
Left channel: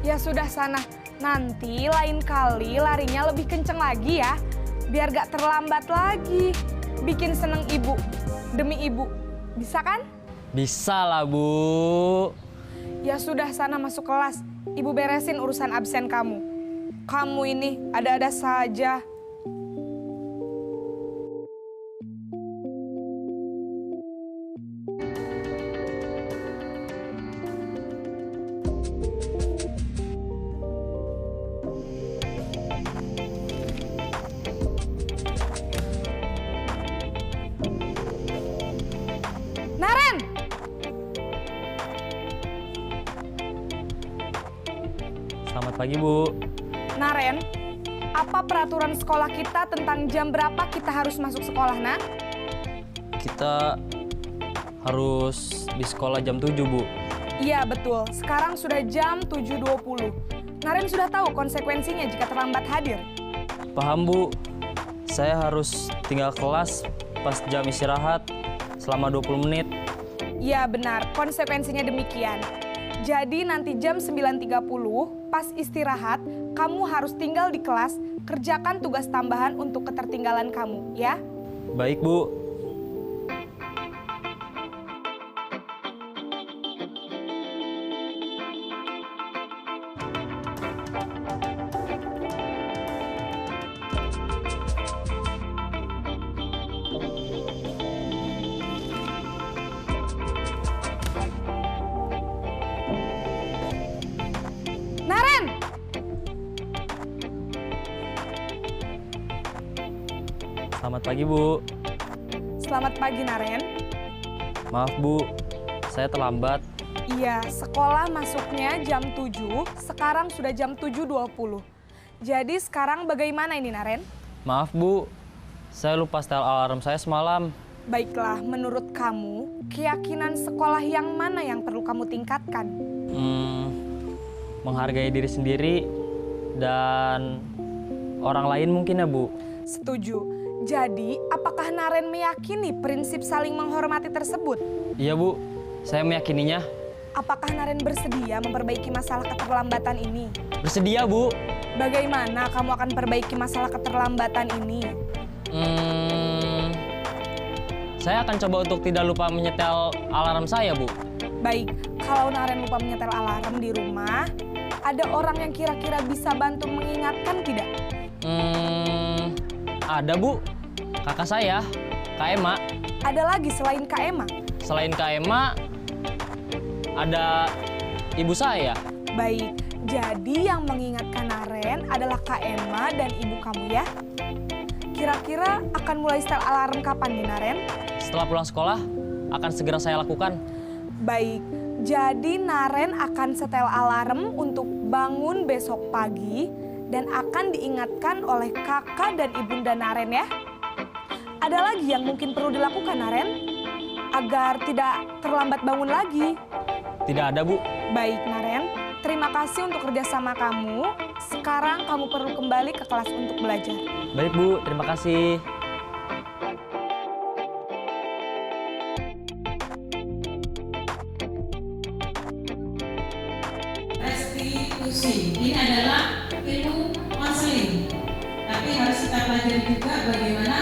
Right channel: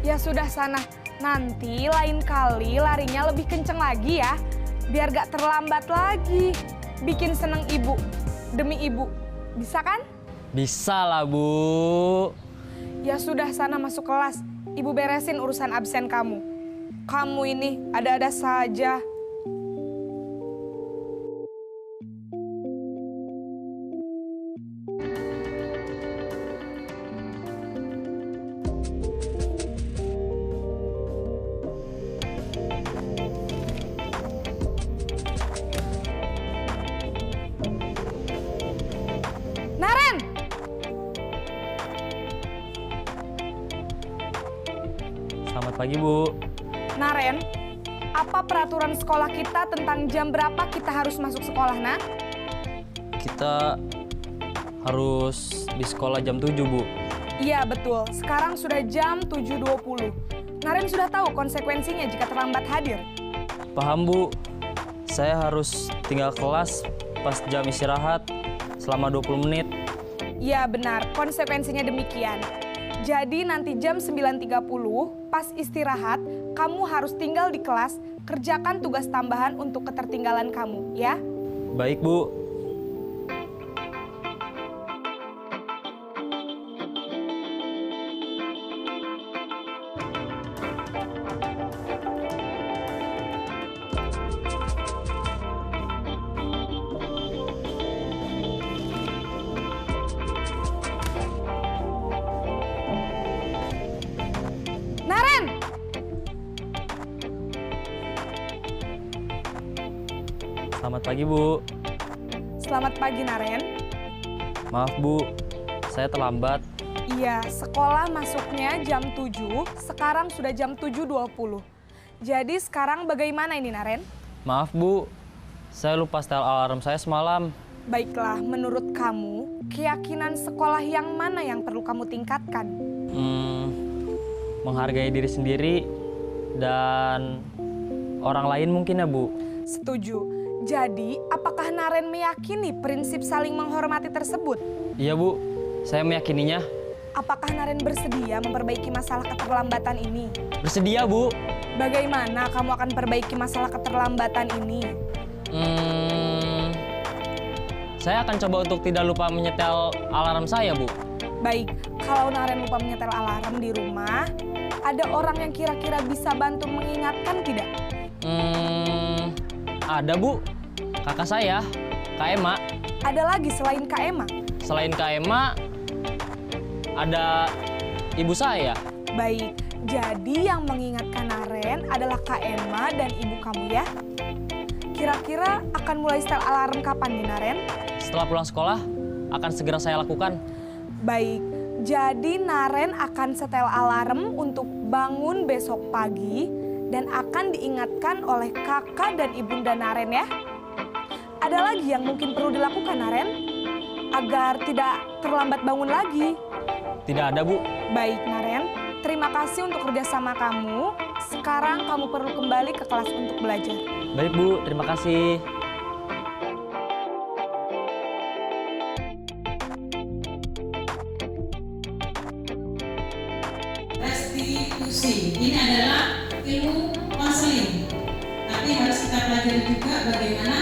Ya sudah sana. Nanti lain kali larinya lebih kenceng lagi ya. Biar gak terlambat lagi. Bikin seneng ibu. Demi ibu. Bisa kan? Bisa lah, Bu. Ya sudah sana masuk kelas. Ibu beresin urusan absen kamu. Kamu ini ada-ada saja. Naren! Selamat pagi, Bu. Naren, apa peraturan sekolah kita tentang jam berapa kita harus masuk sekolah, nak? Kita harus di sekolah jam 7, Bu. Iya, betul. Sekarang sudah jam 7.20. Naren sudah tahu konsekuensinya jika terlambat hadir. Paham, Bu. Saya harus tinggal kelas pas jam istirahat selama 20 menit. Iya, benar. Konsekuensinya demikian. Jadi nanti jam 9.30 pas istirahat, kamu harus tinggal di kelas, kerjakan tugas tambahan untuk ketertinggalan kamu, ya? Baik, Bu. Selamat pagi, Bu. Selamat pagi, Naren. Maaf, Bu. Saya terlambat. Iya, sekolah masuknya jam 7, sekarang sudah jam 7.20. Jadi sekarang bagaimana ini, Naren? Maaf, Bu. Saya lupa setel alarm saya semalam. Baiklah, menurut kamu, keyakinan sekolah yang mana yang perlu kamu tingkatkan? Menghargai diri sendiri dan orang lain mungkin ya, Bu. Setuju. Jadi, apakah Naren meyakini prinsip saling menghormati tersebut? Iya, Bu. Saya meyakininya. Apakah Naren bersedia memperbaiki masalah keterlambatan ini? Bersedia, Bu. Bagaimana kamu akan perbaiki masalah keterlambatan ini? Saya akan coba untuk tidak lupa menyetel alarm saya, Bu. Baik, kalau Naren lupa menyetel alarm di rumah, ada orang yang kira-kira bisa bantu mengingatkan tidak? Ada, Bu. Kakak saya, Kak Ema. Ada lagi selain Kak Ema? Selain Kak Ema, ada ibu saya. Baik, jadi yang mengingatkan Naren adalah Kak Ema dan ibu kamu ya? Kira-kira akan mulai setel alarm kapan nih, Naren? Setelah pulang sekolah, akan segera saya lakukan. Baik, jadi Naren akan setel alarm untuk bangun besok pagi dan akan diingatkan oleh kakak dan ibunda Naren ya. Ada lagi yang mungkin perlu dilakukan, Naren? Agar tidak terlambat bangun lagi. Tidak ada, Bu. Baik, Naren. Terima kasih untuk kerjasama kamu. Sekarang kamu perlu kembali ke kelas untuk belajar. Baik, Bu. Terima kasih. Restitusi ini adalah ilmu konseling, tapi harus kita pelajari juga bagaimana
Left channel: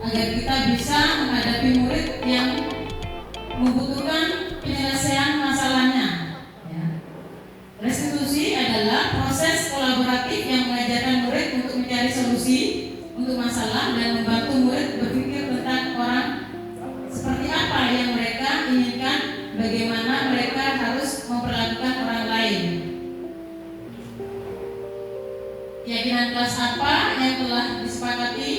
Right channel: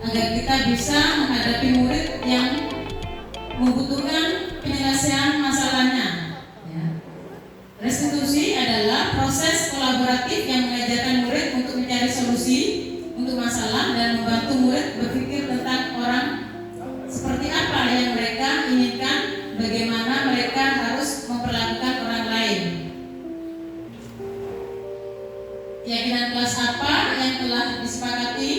agar kita bisa menghadapi murid yang membutuhkan penyelesaian masalahnya. Ya. Restitusi adalah proses kolaboratif yang mengajarkan murid untuk mencari solusi untuk masalah dan membantu murid berpikir tentang orang seperti apa yang mereka inginkan, bagaimana mereka harus memperlakukan orang lain. Keyakinan kelas apa yang telah disepakati,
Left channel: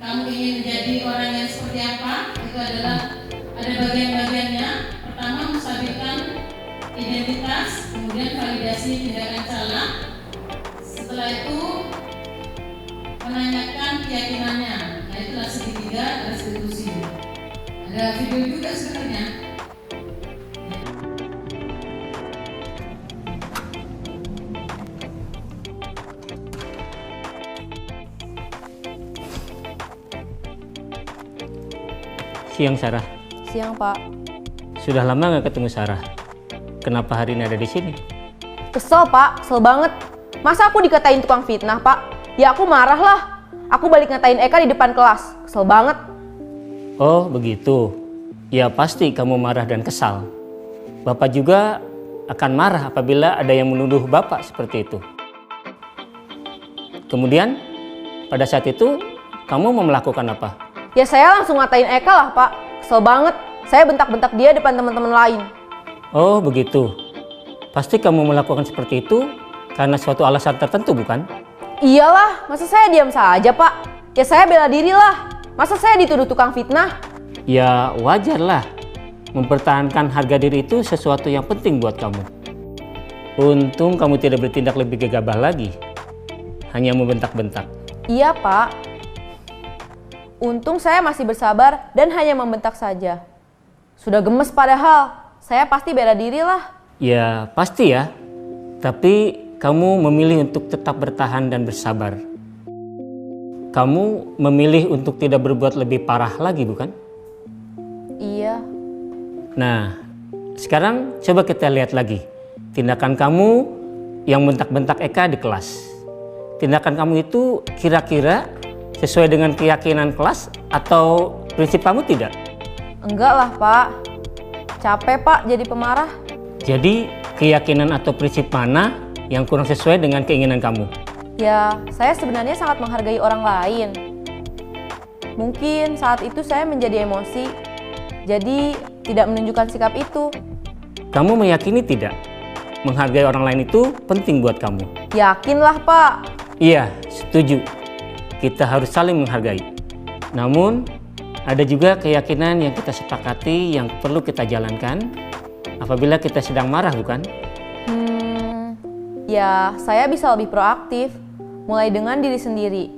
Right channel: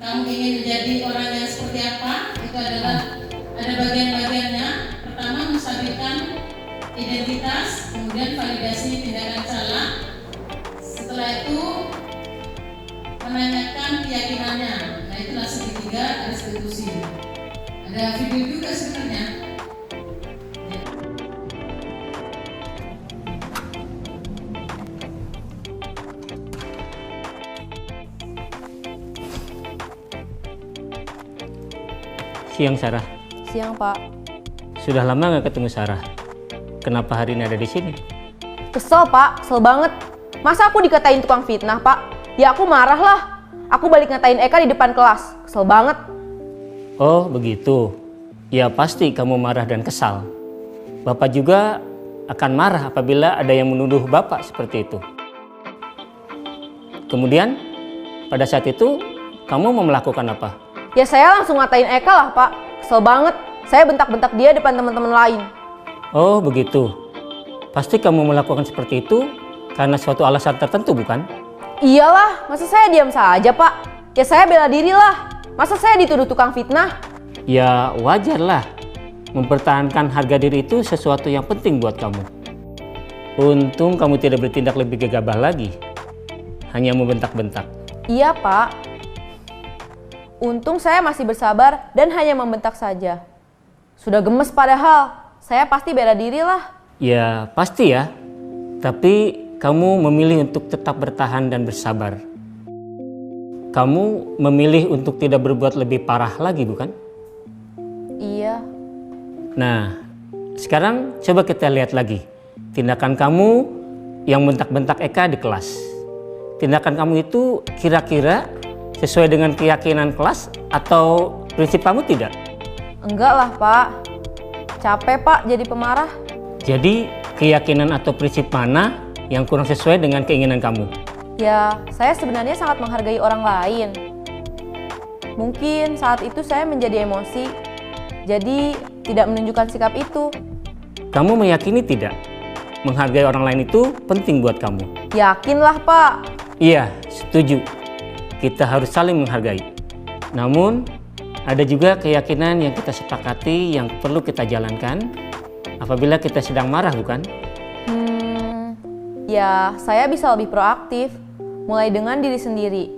kamu ingin menjadi orang yang seperti apa, itu adalah ada bagian-bagiannya. Pertama, menstabilkan identitas, kemudian validasi tindakan salah. Setelah itu menanyakan keyakinannya. Nah, itulah segitiga restitusi. Ada video juga sebenarnya. Siang, Sarah. Siang, Pak. Sudah lama nggak ketemu Sarah. Kenapa hari ini ada di sini? Kesel, Pak. Kesel banget. Masa aku dikatain tukang fitnah, Pak? Ya aku marah lah. Aku balik ngatain Eka di depan kelas. Kesel banget. Oh, begitu. Ya pasti kamu marah dan kesal. Bapak juga akan marah apabila ada yang menuduh Bapak seperti itu. Kemudian, pada saat itu, kamu mau melakukan apa? Ya saya langsung ngatain Eka lah, Pak. Kesel banget. Saya bentak-bentak dia depan teman-teman lain. Oh, begitu. Pasti kamu melakukan seperti itu karena suatu alasan tertentu, bukan? Iyalah, masa saya diam saja, Pak? Ya saya bela diri lah. Masa saya dituduh tukang fitnah? Ya wajarlah. Mempertahankan harga diri itu sesuatu yang penting buat kamu. Untung kamu tidak bertindak lebih gegabah lagi. Hanya membentak-bentak. Iya, Pak. Untung saya masih bersabar dan hanya membentak saja. Sudah gemes padahal. Saya pasti bela diri lah. Ya pasti ya. Tapi kamu memilih untuk tetap bertahan dan bersabar. Kamu memilih untuk tidak berbuat lebih parah lagi, bukan? Iya. Nah, sekarang coba kita lihat lagi. Tindakan kamu yang bentak-bentak Eka di kelas. Tindakan kamu itu kira-kira sesuai dengan keyakinan kelas atau prinsip kamu tidak? Enggak lah, Pak. Capek, Pak, jadi pemarah. Jadi, keyakinan atau prinsip mana yang kurang sesuai dengan keinginan kamu? Ya, saya sebenarnya sangat menghargai orang lain. Mungkin saat itu saya menjadi emosi, jadi tidak menunjukkan sikap itu. Kamu meyakini tidak? Menghargai orang lain itu penting buat kamu. Yakinlah, Pak. Iya, setuju. Kita harus saling menghargai. Namun, ada juga keyakinan yang kita sepakati yang perlu kita jalankan apabila kita sedang marah, bukan? Ya, saya bisa lebih proaktif, mulai dengan diri sendiri.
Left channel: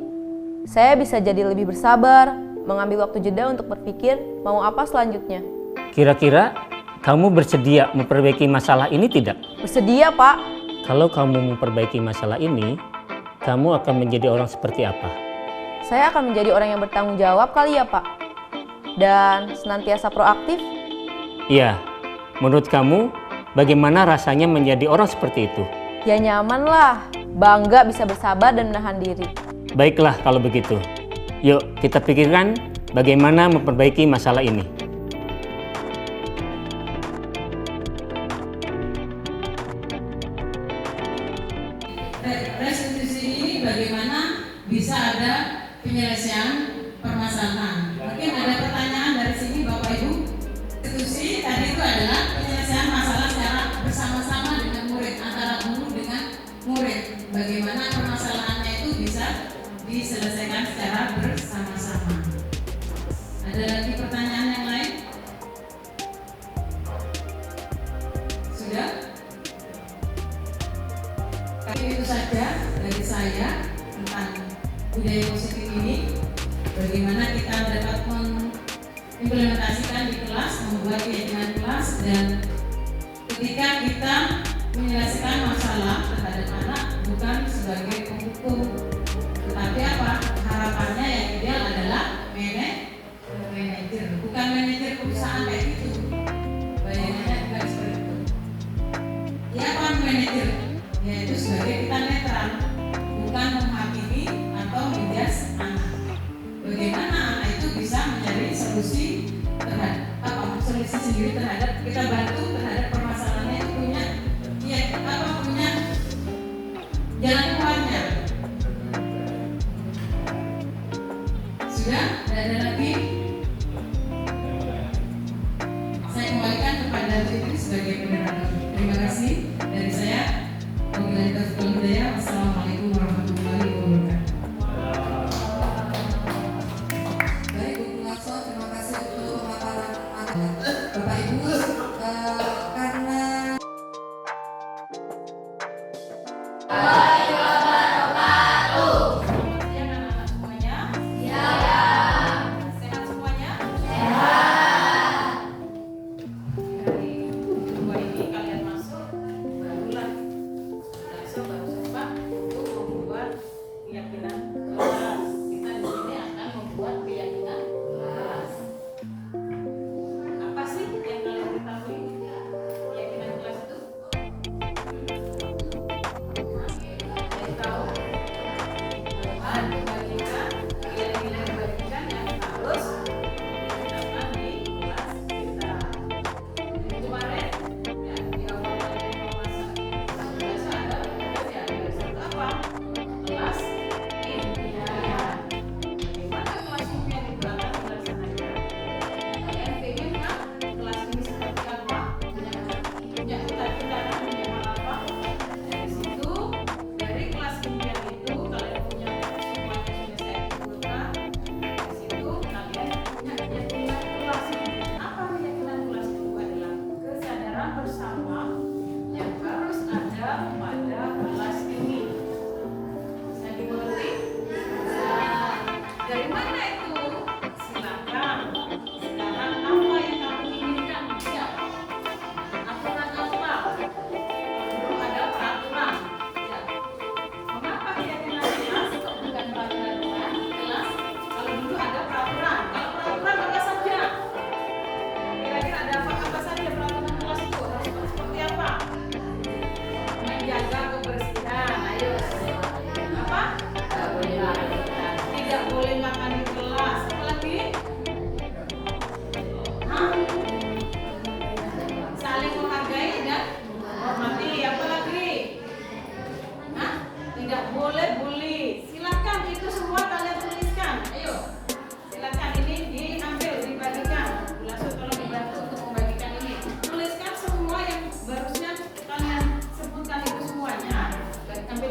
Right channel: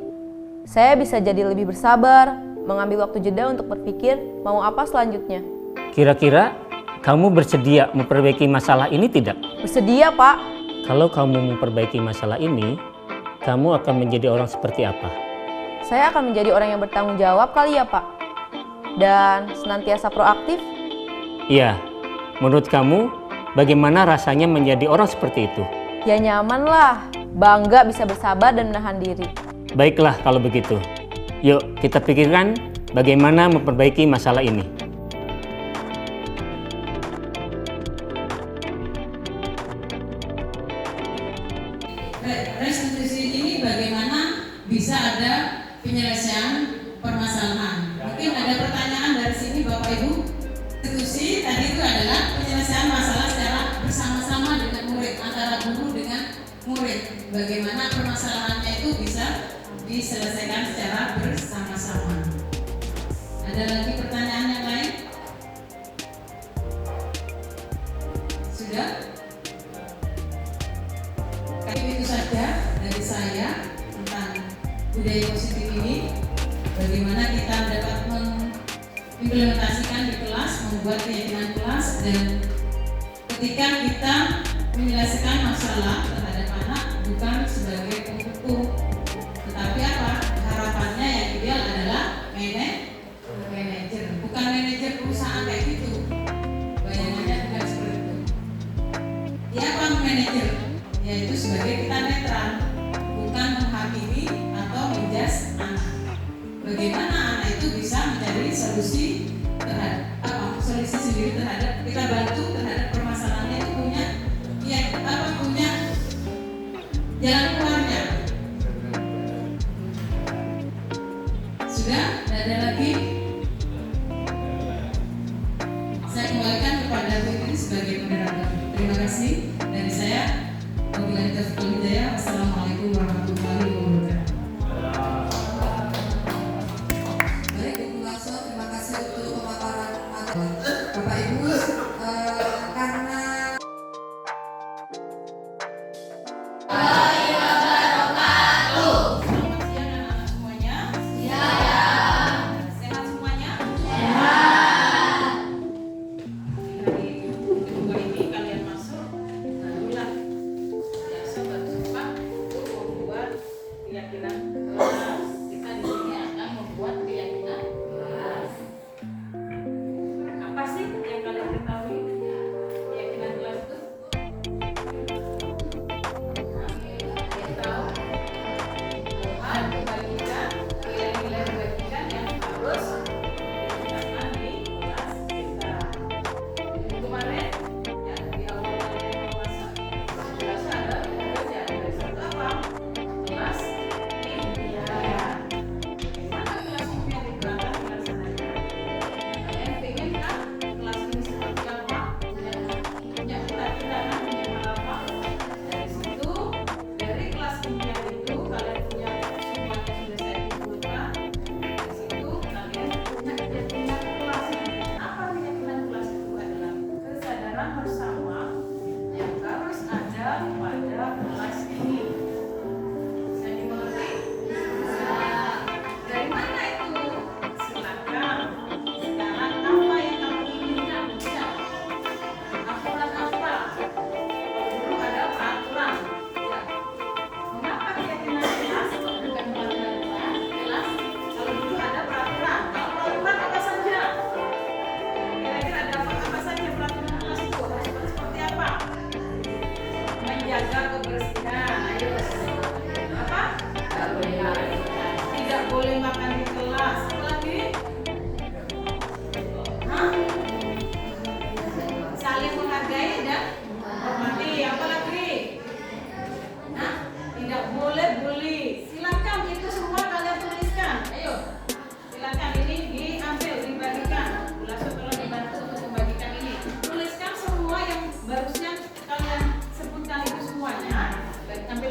Saya bisa jadi lebih bersabar, mengambil waktu jeda untuk berpikir mau apa selanjutnya. Kira-kira kamu bersedia memperbaiki masalah ini tidak? Bersedia, Pak. Kalau kamu memperbaiki masalah ini, kamu akan menjadi orang seperti apa? Saya akan menjadi orang yang bertanggung jawab kali ya, Pak. Dan senantiasa proaktif. Iya, menurut kamu bagaimana rasanya menjadi orang seperti itu? Ya nyaman lah, bangga bisa bersabar dan menahan diri. Baiklah kalau begitu. Yuk kita pikirkan bagaimana memperbaiki masalah ini. Restitusi ini bagaimana bisa ada penyelesaian permasalahan. Mungkin ada pertanyaan dari sini Bapak Ibu. Restitusi tadi itu adalah penyelesaian masalah secara bersama-sama dengan murid, antara guru dengan murid. Bagaimana permasalahannya itu bisa diselesaikan secara bersama-sama. Ada lagi pertanyaan yang lain? Sudah? Itu saja dari saya tentang budaya positif ini. Bagaimana kita dapat mengimplementasikan di kelas, membuat keyakinan kelas, dan ketika kita menyelesaikan masalah terhadap anak bukan sebagai penghukum, tetapi apa? Harapannya yang ideal adalah manajer, bukan manajer perusahaan kayak gitu. Bayangannya bukan seperti itu. Siapa manajer? Yaitu sebagai kita netral, bukan menghakimi atau menjudge anak. Bagaimana anak itu bisa mencari solusi terhadap solusi sendiri terhadap kita bantu terhadap permasalahannya itu punya jalan keluarnya. Sudah? Tidak ada lagi? Saya kembalikan kepada Bu Indri sebagai moderator. Terima kasih dari saya. Assalamualaikum warahmatullahi wabarakatuh. Baik, Bu Lakso, terima kasih untuk pemaparan Bapak Ibu. Karena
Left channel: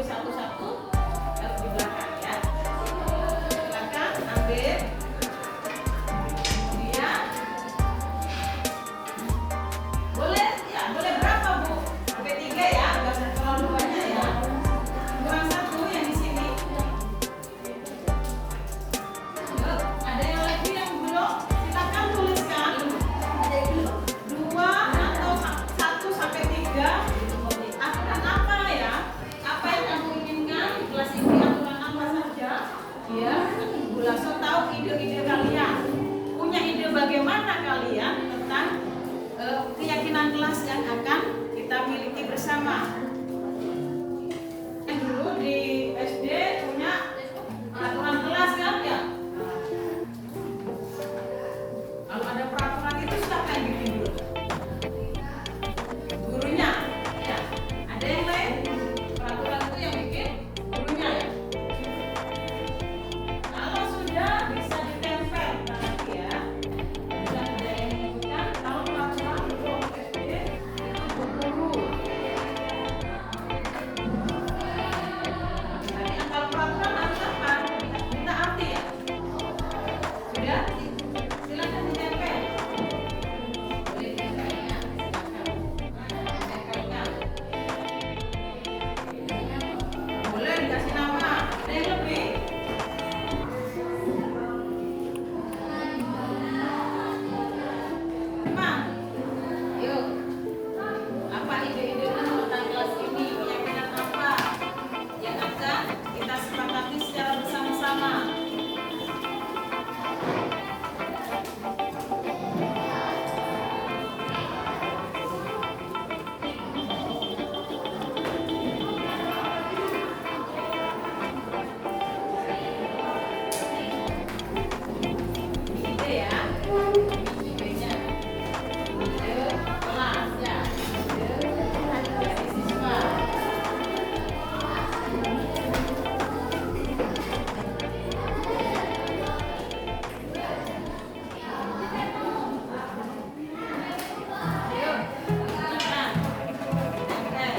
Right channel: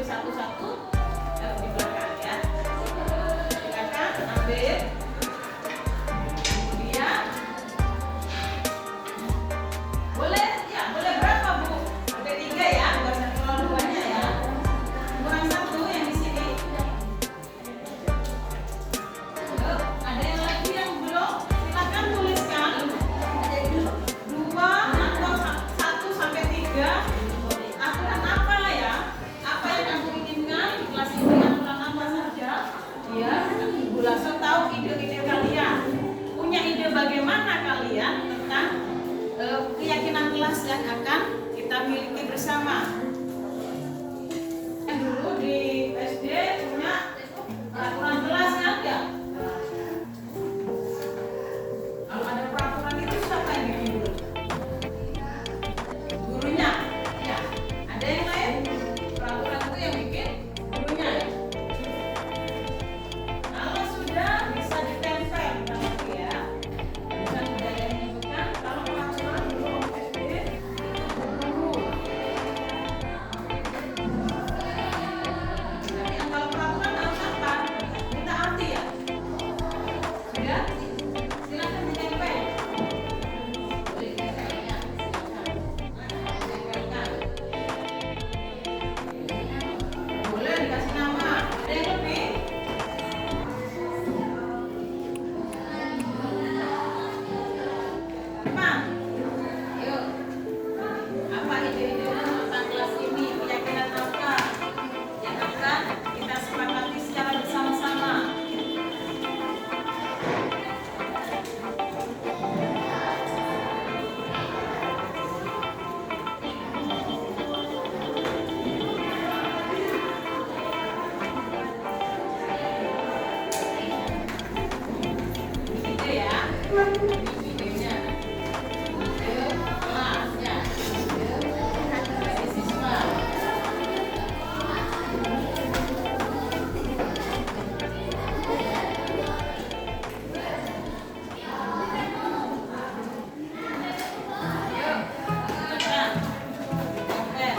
satu-satu, taruh di belakang ya. Silakan ambil Langsung tahu ide-ide kalian. Punya ide bagaimana kalian tentang keyakinan kelas yang akan kita miliki bersama. Kan dulu di SD punya peraturan kelas kan ya? Kalau ada peraturan itu siapa yang bikin dulu? Gurunya. Ya. Ada yang lain? Peraturan itu yang bikin gurunya ya? Kalau sudah bisa ditempel nanti ya. Dan ada yang menyebutkan kalau peraturan belum SD guru. Tapi kalau peraturan harus apa? Kita arti ya. Sudah? Silakan ditempel. Boleh ditempel ya. Ditempelkan. Boleh dikasih nama. Ada yang lebih? Depan. Yuk. Apa ide-idenya tentang kelas ini? Keyakinan apa yang akan kita sepakati secara bersama-sama? Ide ya. Idenya. Ide kelas ya. Ide dari siswa. Yuk, silakan. Tempel.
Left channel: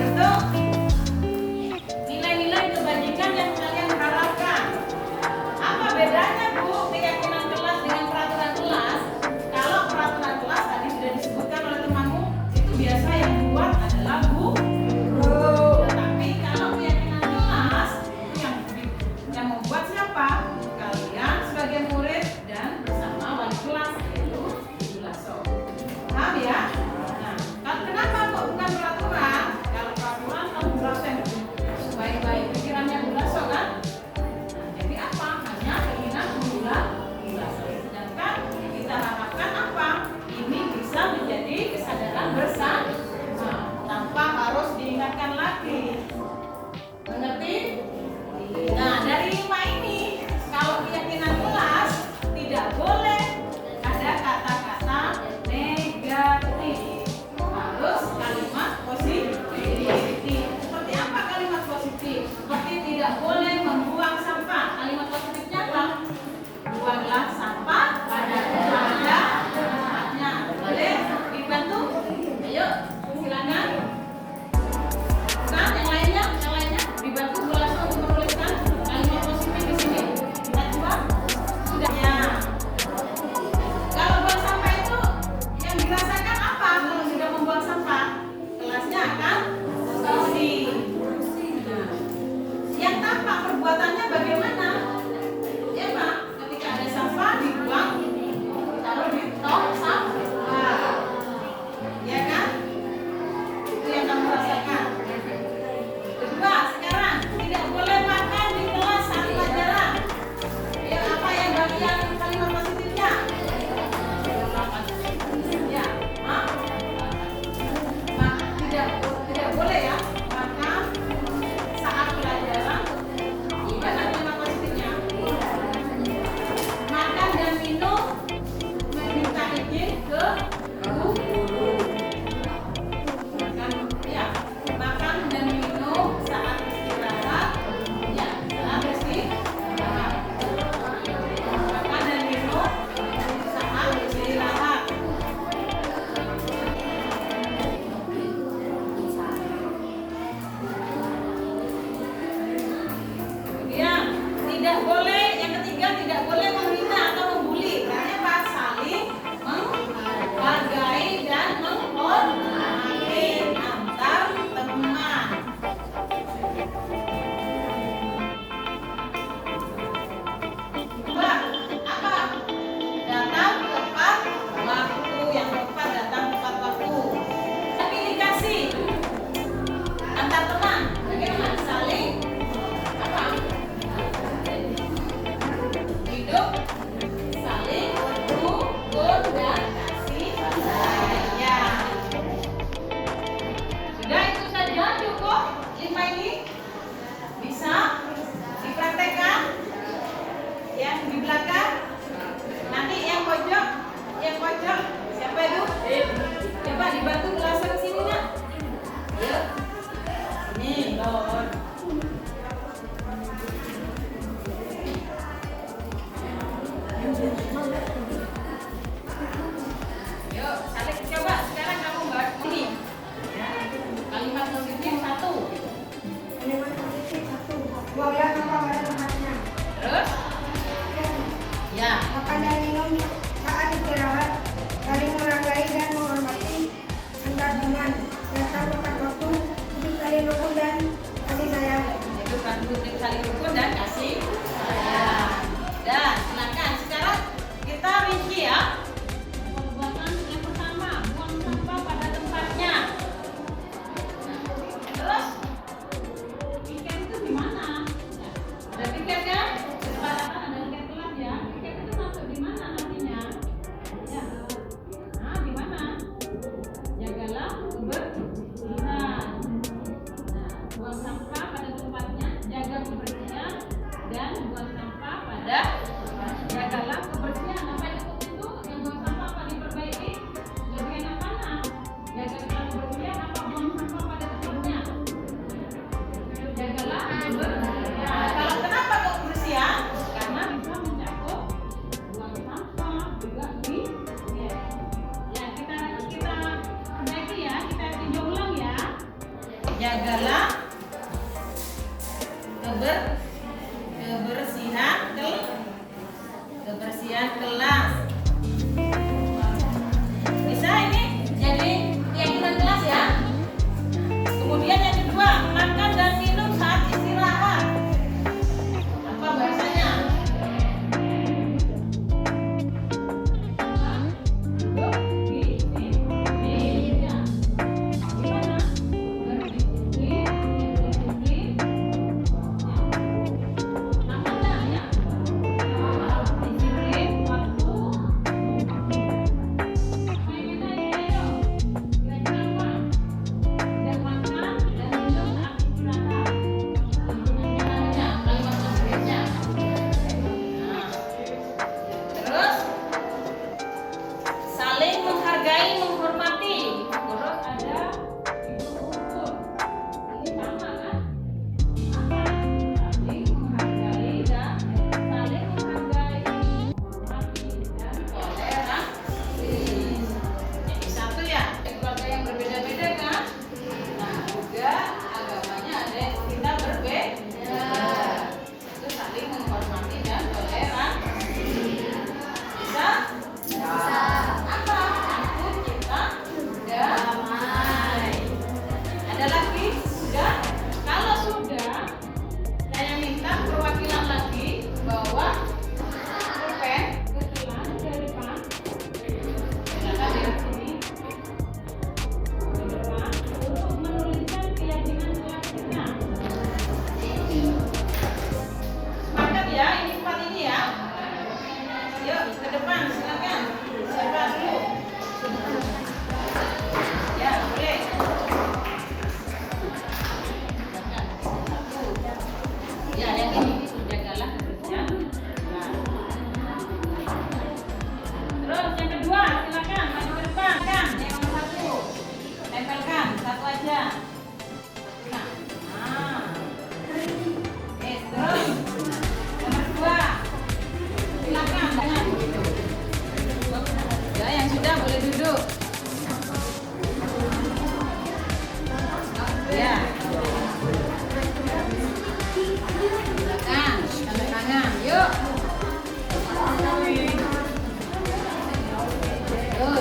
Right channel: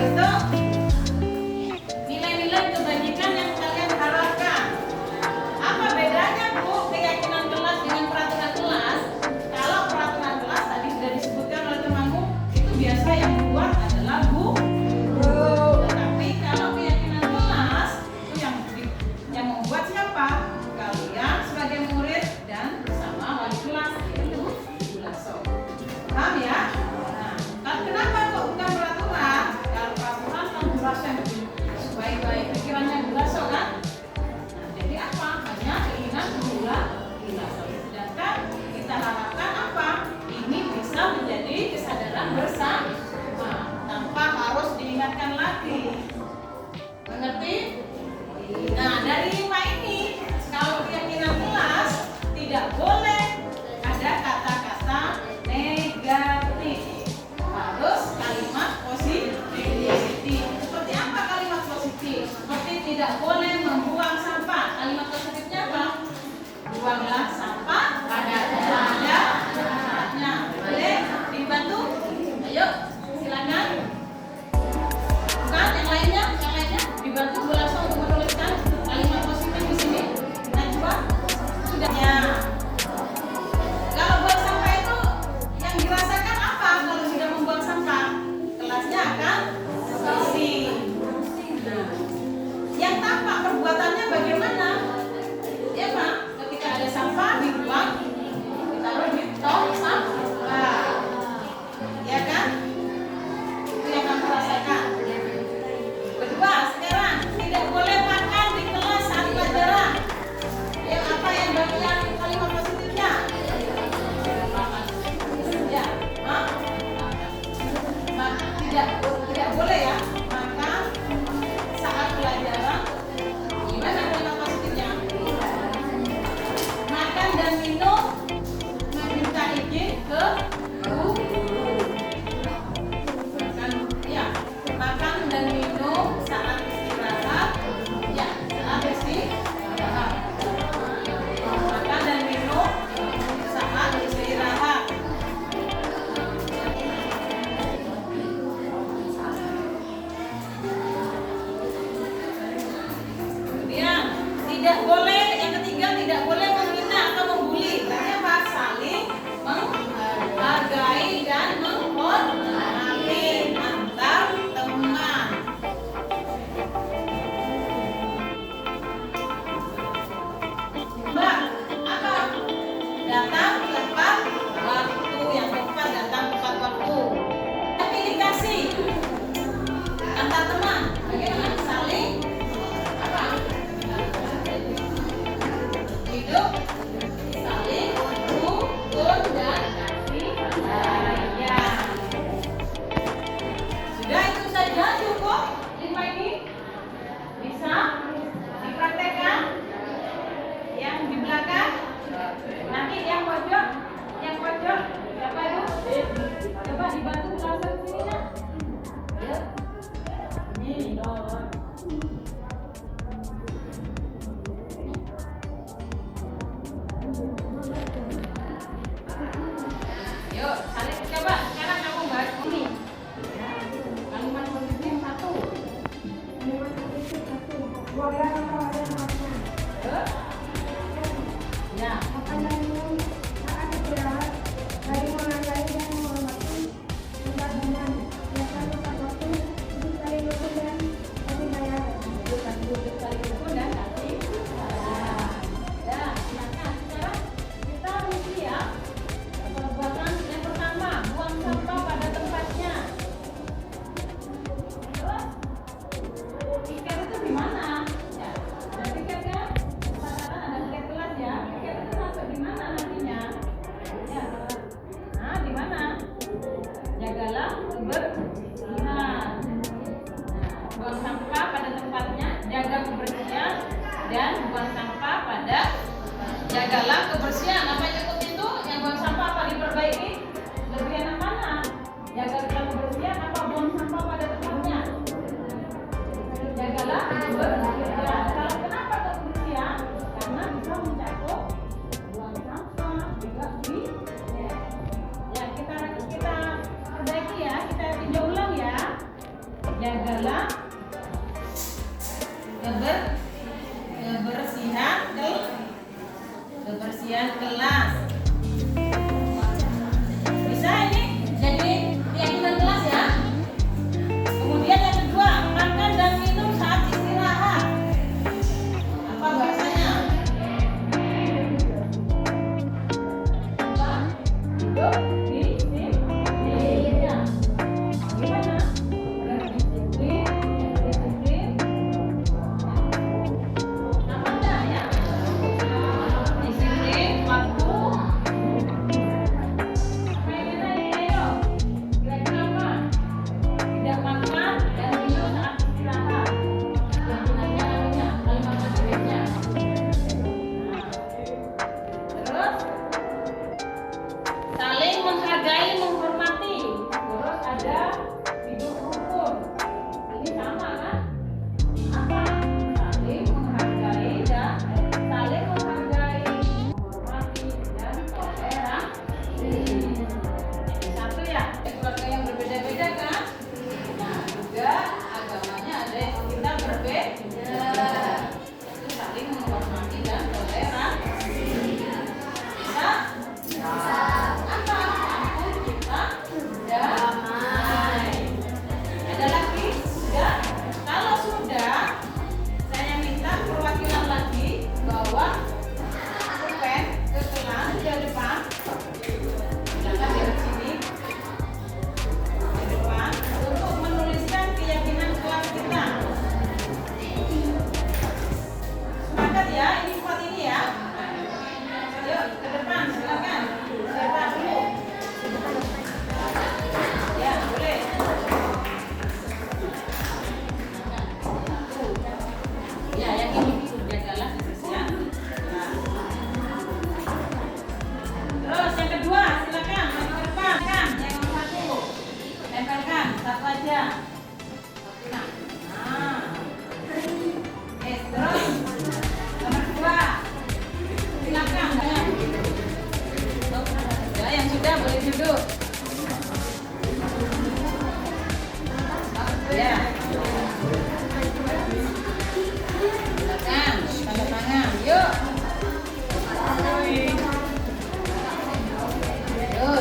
bentuk nilai-nilai kebajikan yang kalian harapkan. Apa bedanya Bu keyakinan kelas dengan peraturan kelas? Kalau peraturan kelas tadi sudah disebutkan oleh temanmu, itu biasa yang membuat adalah guru. Tetapi kalau keyakinan kelas itu yang membuat siapa? Kalian sebagai murid dan bersama wali kelas, yaitu Ibu Lasso. Paham ya? Nah, kenapa kok bukan peraturan? Kalau peraturan kan Bu Lasso yang baik-baik pikirannya Bu Lasso kan? Nah, jadi apa? Hanya keinginan Bu Lasso. Sedangkan kita harapkan apa? Ini bisa menjadi kesadaran bersama tanpa harus diingatkan lagi. Mengerti? Nah, dari 5 ini, kalau keyakinan kelas tidak boleh ada kata-kata negatif. Harus kalimat positif. Seperti apa kalimat positif? Seperti tidak boleh membuang sampah. Kalimat positifnya apa? Buanglah sampah pada tempatnya. Boleh dibantu? Ayo, silakan. Bukan, yang lainnya dibantu Bu Lasso untuk menuliskan kalimat positif di sini. Kita coba. Sudah ya. Kalau buang sampah itu yang dirasakan apa kalau sudah membuang sampah? Kelasnya akan bersih. Nah, yang tampak perbuatannya bagaimana? Ya Pak, ketika ada sampah dibuang, ditaruh di tong sampah. Ya kan? Itu yang kamu rasakan. Kedua, sekarang tidak boleh makan di kelas saat pelajaran. Yang apa yang bagian kalimat positifnya? Ya, tidak boleh ya makan saat pelajaran. Gimana kalimat positifnya? Makan dan minum meminta izin ke guru. Makan dan minum saat istirahat. Ya, saat istirahat. Makan dan minum saat istirahat. Kemudian tidak boleh, yang ketiga tidak boleh menghina atau membuli. Karena apa? Saling menghargai dan menghormati antar teman. Mbak, apa? Datang tepat waktu, yang tepat datang tepat waktu. Tapi dikasih antar teman. Bagaimana? Saling apa? Hidup saling rukun dan kasih sayang. Sudah itu saja cukup 5 ini bisa dipraktekkan. Yang di belakang, nanti yang pojok siapa itu? Coba dibantu belasan sini nak. Yuk, ini Lord. Yuk, saling coba sekarang kamu bahas ini. Kalimat positifnya yang satu. Kalimat positif 1. Buanglah sampah pada tempatnya. Terus? Ya. Makan dan minum saat istirahat. Saling menghargai dan menghormati antar teman. Datang tepat waktu. Hidup saling rukun dan kasih sayang. Hidup saling rukun dan kasih sayang. Dan silakan sekarang kita rinci ya. Perbuatan yang pertama, buang sampah pada tempatnya. Terus tiket itu di mana? Ya, ada tiket ya? Kesepakatan ada tiket kelas ya. Tiket itu masuk di mana nantinya? Ya. Nah, di mana? Jagalah kebersihan. Nah, buang sampah pada tempatnya, jaga kebersihan dan buang sampah pada jagalah kebersihan. Apa cukup itu? Yang buang sampah apa diperbaiki? Lebih enak mana? Jaga kebersihan apa buang sampah pada tempatnya? Jagalah kebersihan. Kalau kenapa kok kebersihan? Karena bisa mencakup buang sampah juga di ya kita perbaiki ya, kita tinjau ulang ya. jagalah kebersihan kelas. Bisa ini jadi keyakinan kelas ya. Kemudian yang kedua, makan dan minum saat istirahat. Apa bahasanya?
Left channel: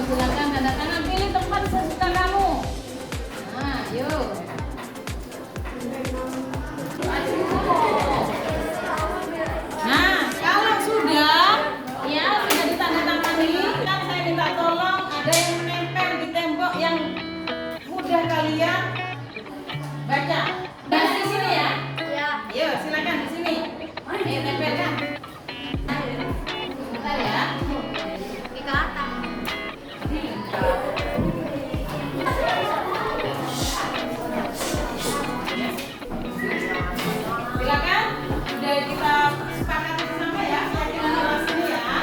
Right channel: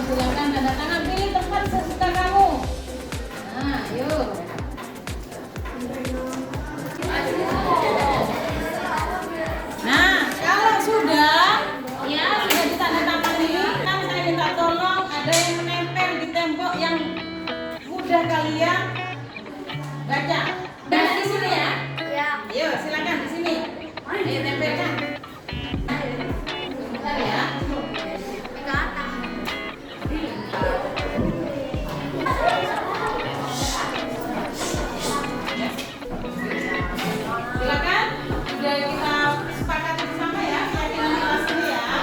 Silakan tanda tangan, pilih tempat sesuka kamu. Nah, yuk. Nah, kalau sudah ditandatangani, kan saya minta tolong ada yang menempel di tembok yang mudah kalian baca. Dan di sini ya? Iya. Yuk, silakan di sini. Ayo tempelkan. Bentar ya. Silakan, sudah kita sepakati bersama ya keyakinan kelas ini ya.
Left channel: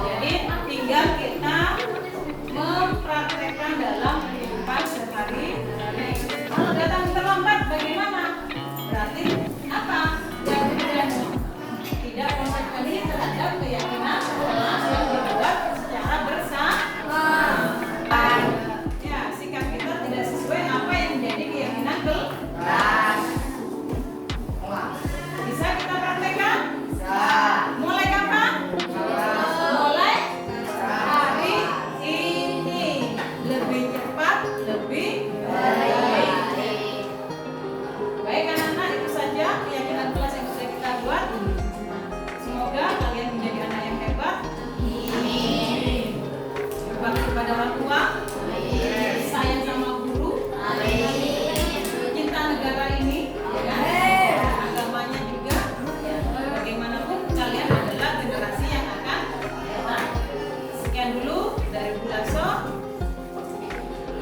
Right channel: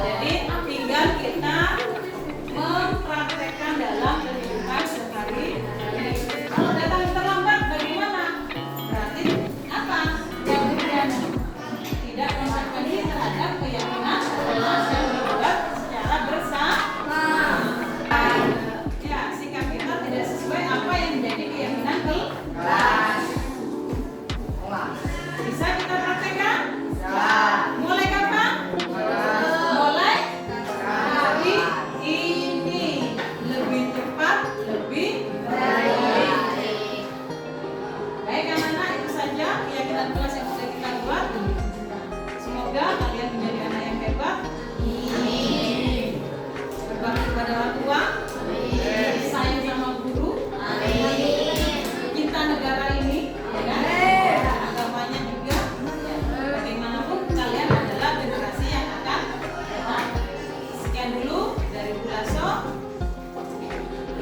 Jadi tinggal kita mempraktekkan dalam kehidupan sehari-hari. Kalau datang terlambat bagaimana? Berarti apa? Tidak mematuhi terhadap keyakinan kelas yang dibuat secara bersama. Ya, sikap kita tidak sesuai apa yang menjadi keyakinan kelas. Bisa kita praktekkan? Mulai kapan? Mulai hari ini. Lebih cepat, lebih baik. Baik anak-anak, itu saja keyakinan kelas yang sudah kita buat. Semoga kalian menjadi anak yang hebat. Berbakti kepada orang tua. Sayang sama guru. Cinta negara ini. Agamanya juga. Bagaimanapun kalian adalah generasi yang akan datang. Sekian dulu dari Bu Lasso.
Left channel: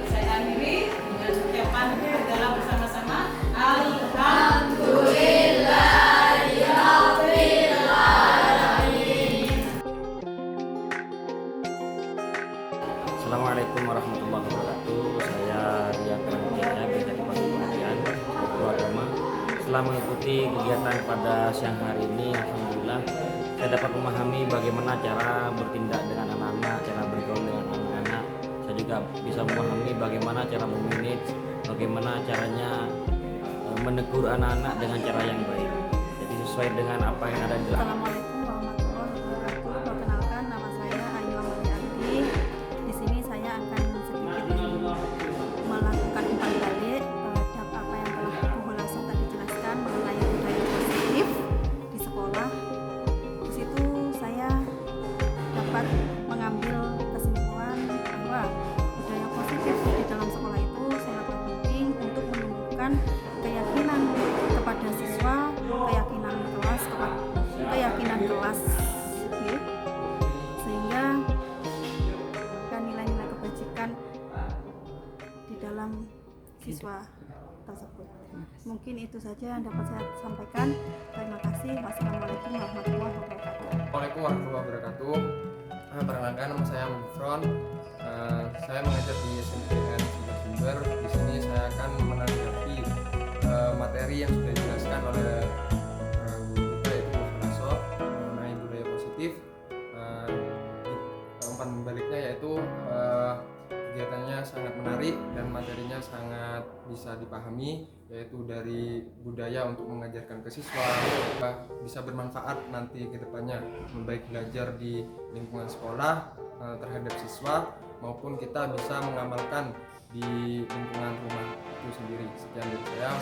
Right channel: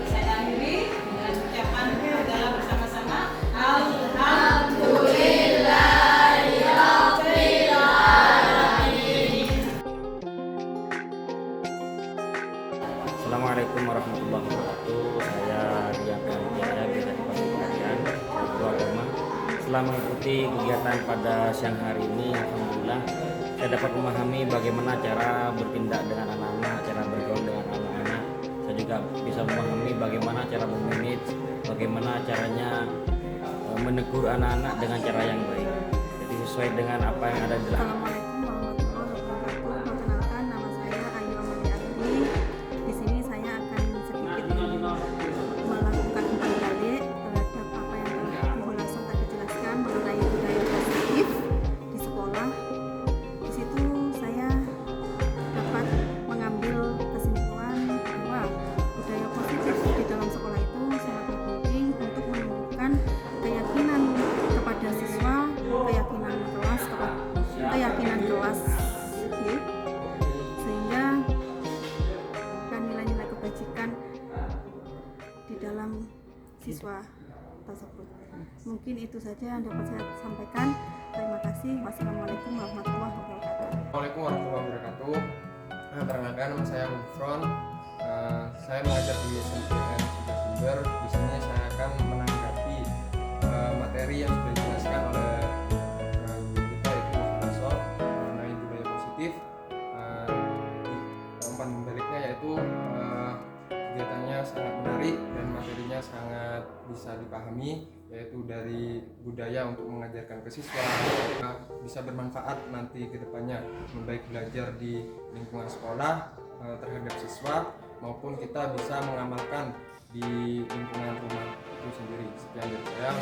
Saya akhiri dengan ucapan berdoa bersama-sama. Assalamualaikum warahmatullahi wabarakatuh. Saya Rian Pranjaya, biasa dipanggil Marian, guru agama. Setelah mengikuti kegiatan pada siang hari ini, alhamdulillah saya dapat memahami bagaimana cara bertindak dengan anak-anak, cara bergaul dengan anak-anak. Saya juga bisa memahami bagaimana cara memanage, bagaimana caranya menegur anak-anak dengan cara yang baik. Jadi sesuai dengan apa yang ada di dalam. Assalamualaikum warahmatullahi wabarakatuh. Perkenalkan, nama saya Ayu Amalianti. Di sini saya akan sedikit melakukan umpan balik terhadap apa yang telah Bu Lasem tadi jelaskan mengenai budaya positif di sekolah. Di situ saya dapat mengambil kesimpulan bahwa budaya positif di dalam sekolah itu sangat penting untuk menumbuhkan keyakinan kepada siswa, keyakinan kelas, sehingga kan nilai-nilai kebajikan di dalam siswa tersebut. Mungkin itu saja yang dapat saya sampaikan. Terima kasih. Wassalamualaikum warahmatullahi wabarakatuh. Assalamualaikum warahmatullahi wabarakatuh. Perkenalkan, nama saya Mufron. Saya mengajar di SMPN Sumber. Di sini saya akan menanggapi materi yang sudah dijelaskan oleh kita, yaitu Mas mengenai budaya positif. Umpan baliknya yaitu kegiatannya sangat menarik dan materinya sangat bisa dipahami, yaitu dari budaya untuk mengajarkan ke siswa bisa bermanfaat nanti ke depannya, baik belajar di lingkungan sekolah terhadap siswa maupun kita bisa mengamalkan di lingkungan rumah itu sendiri. Sekian dari saya.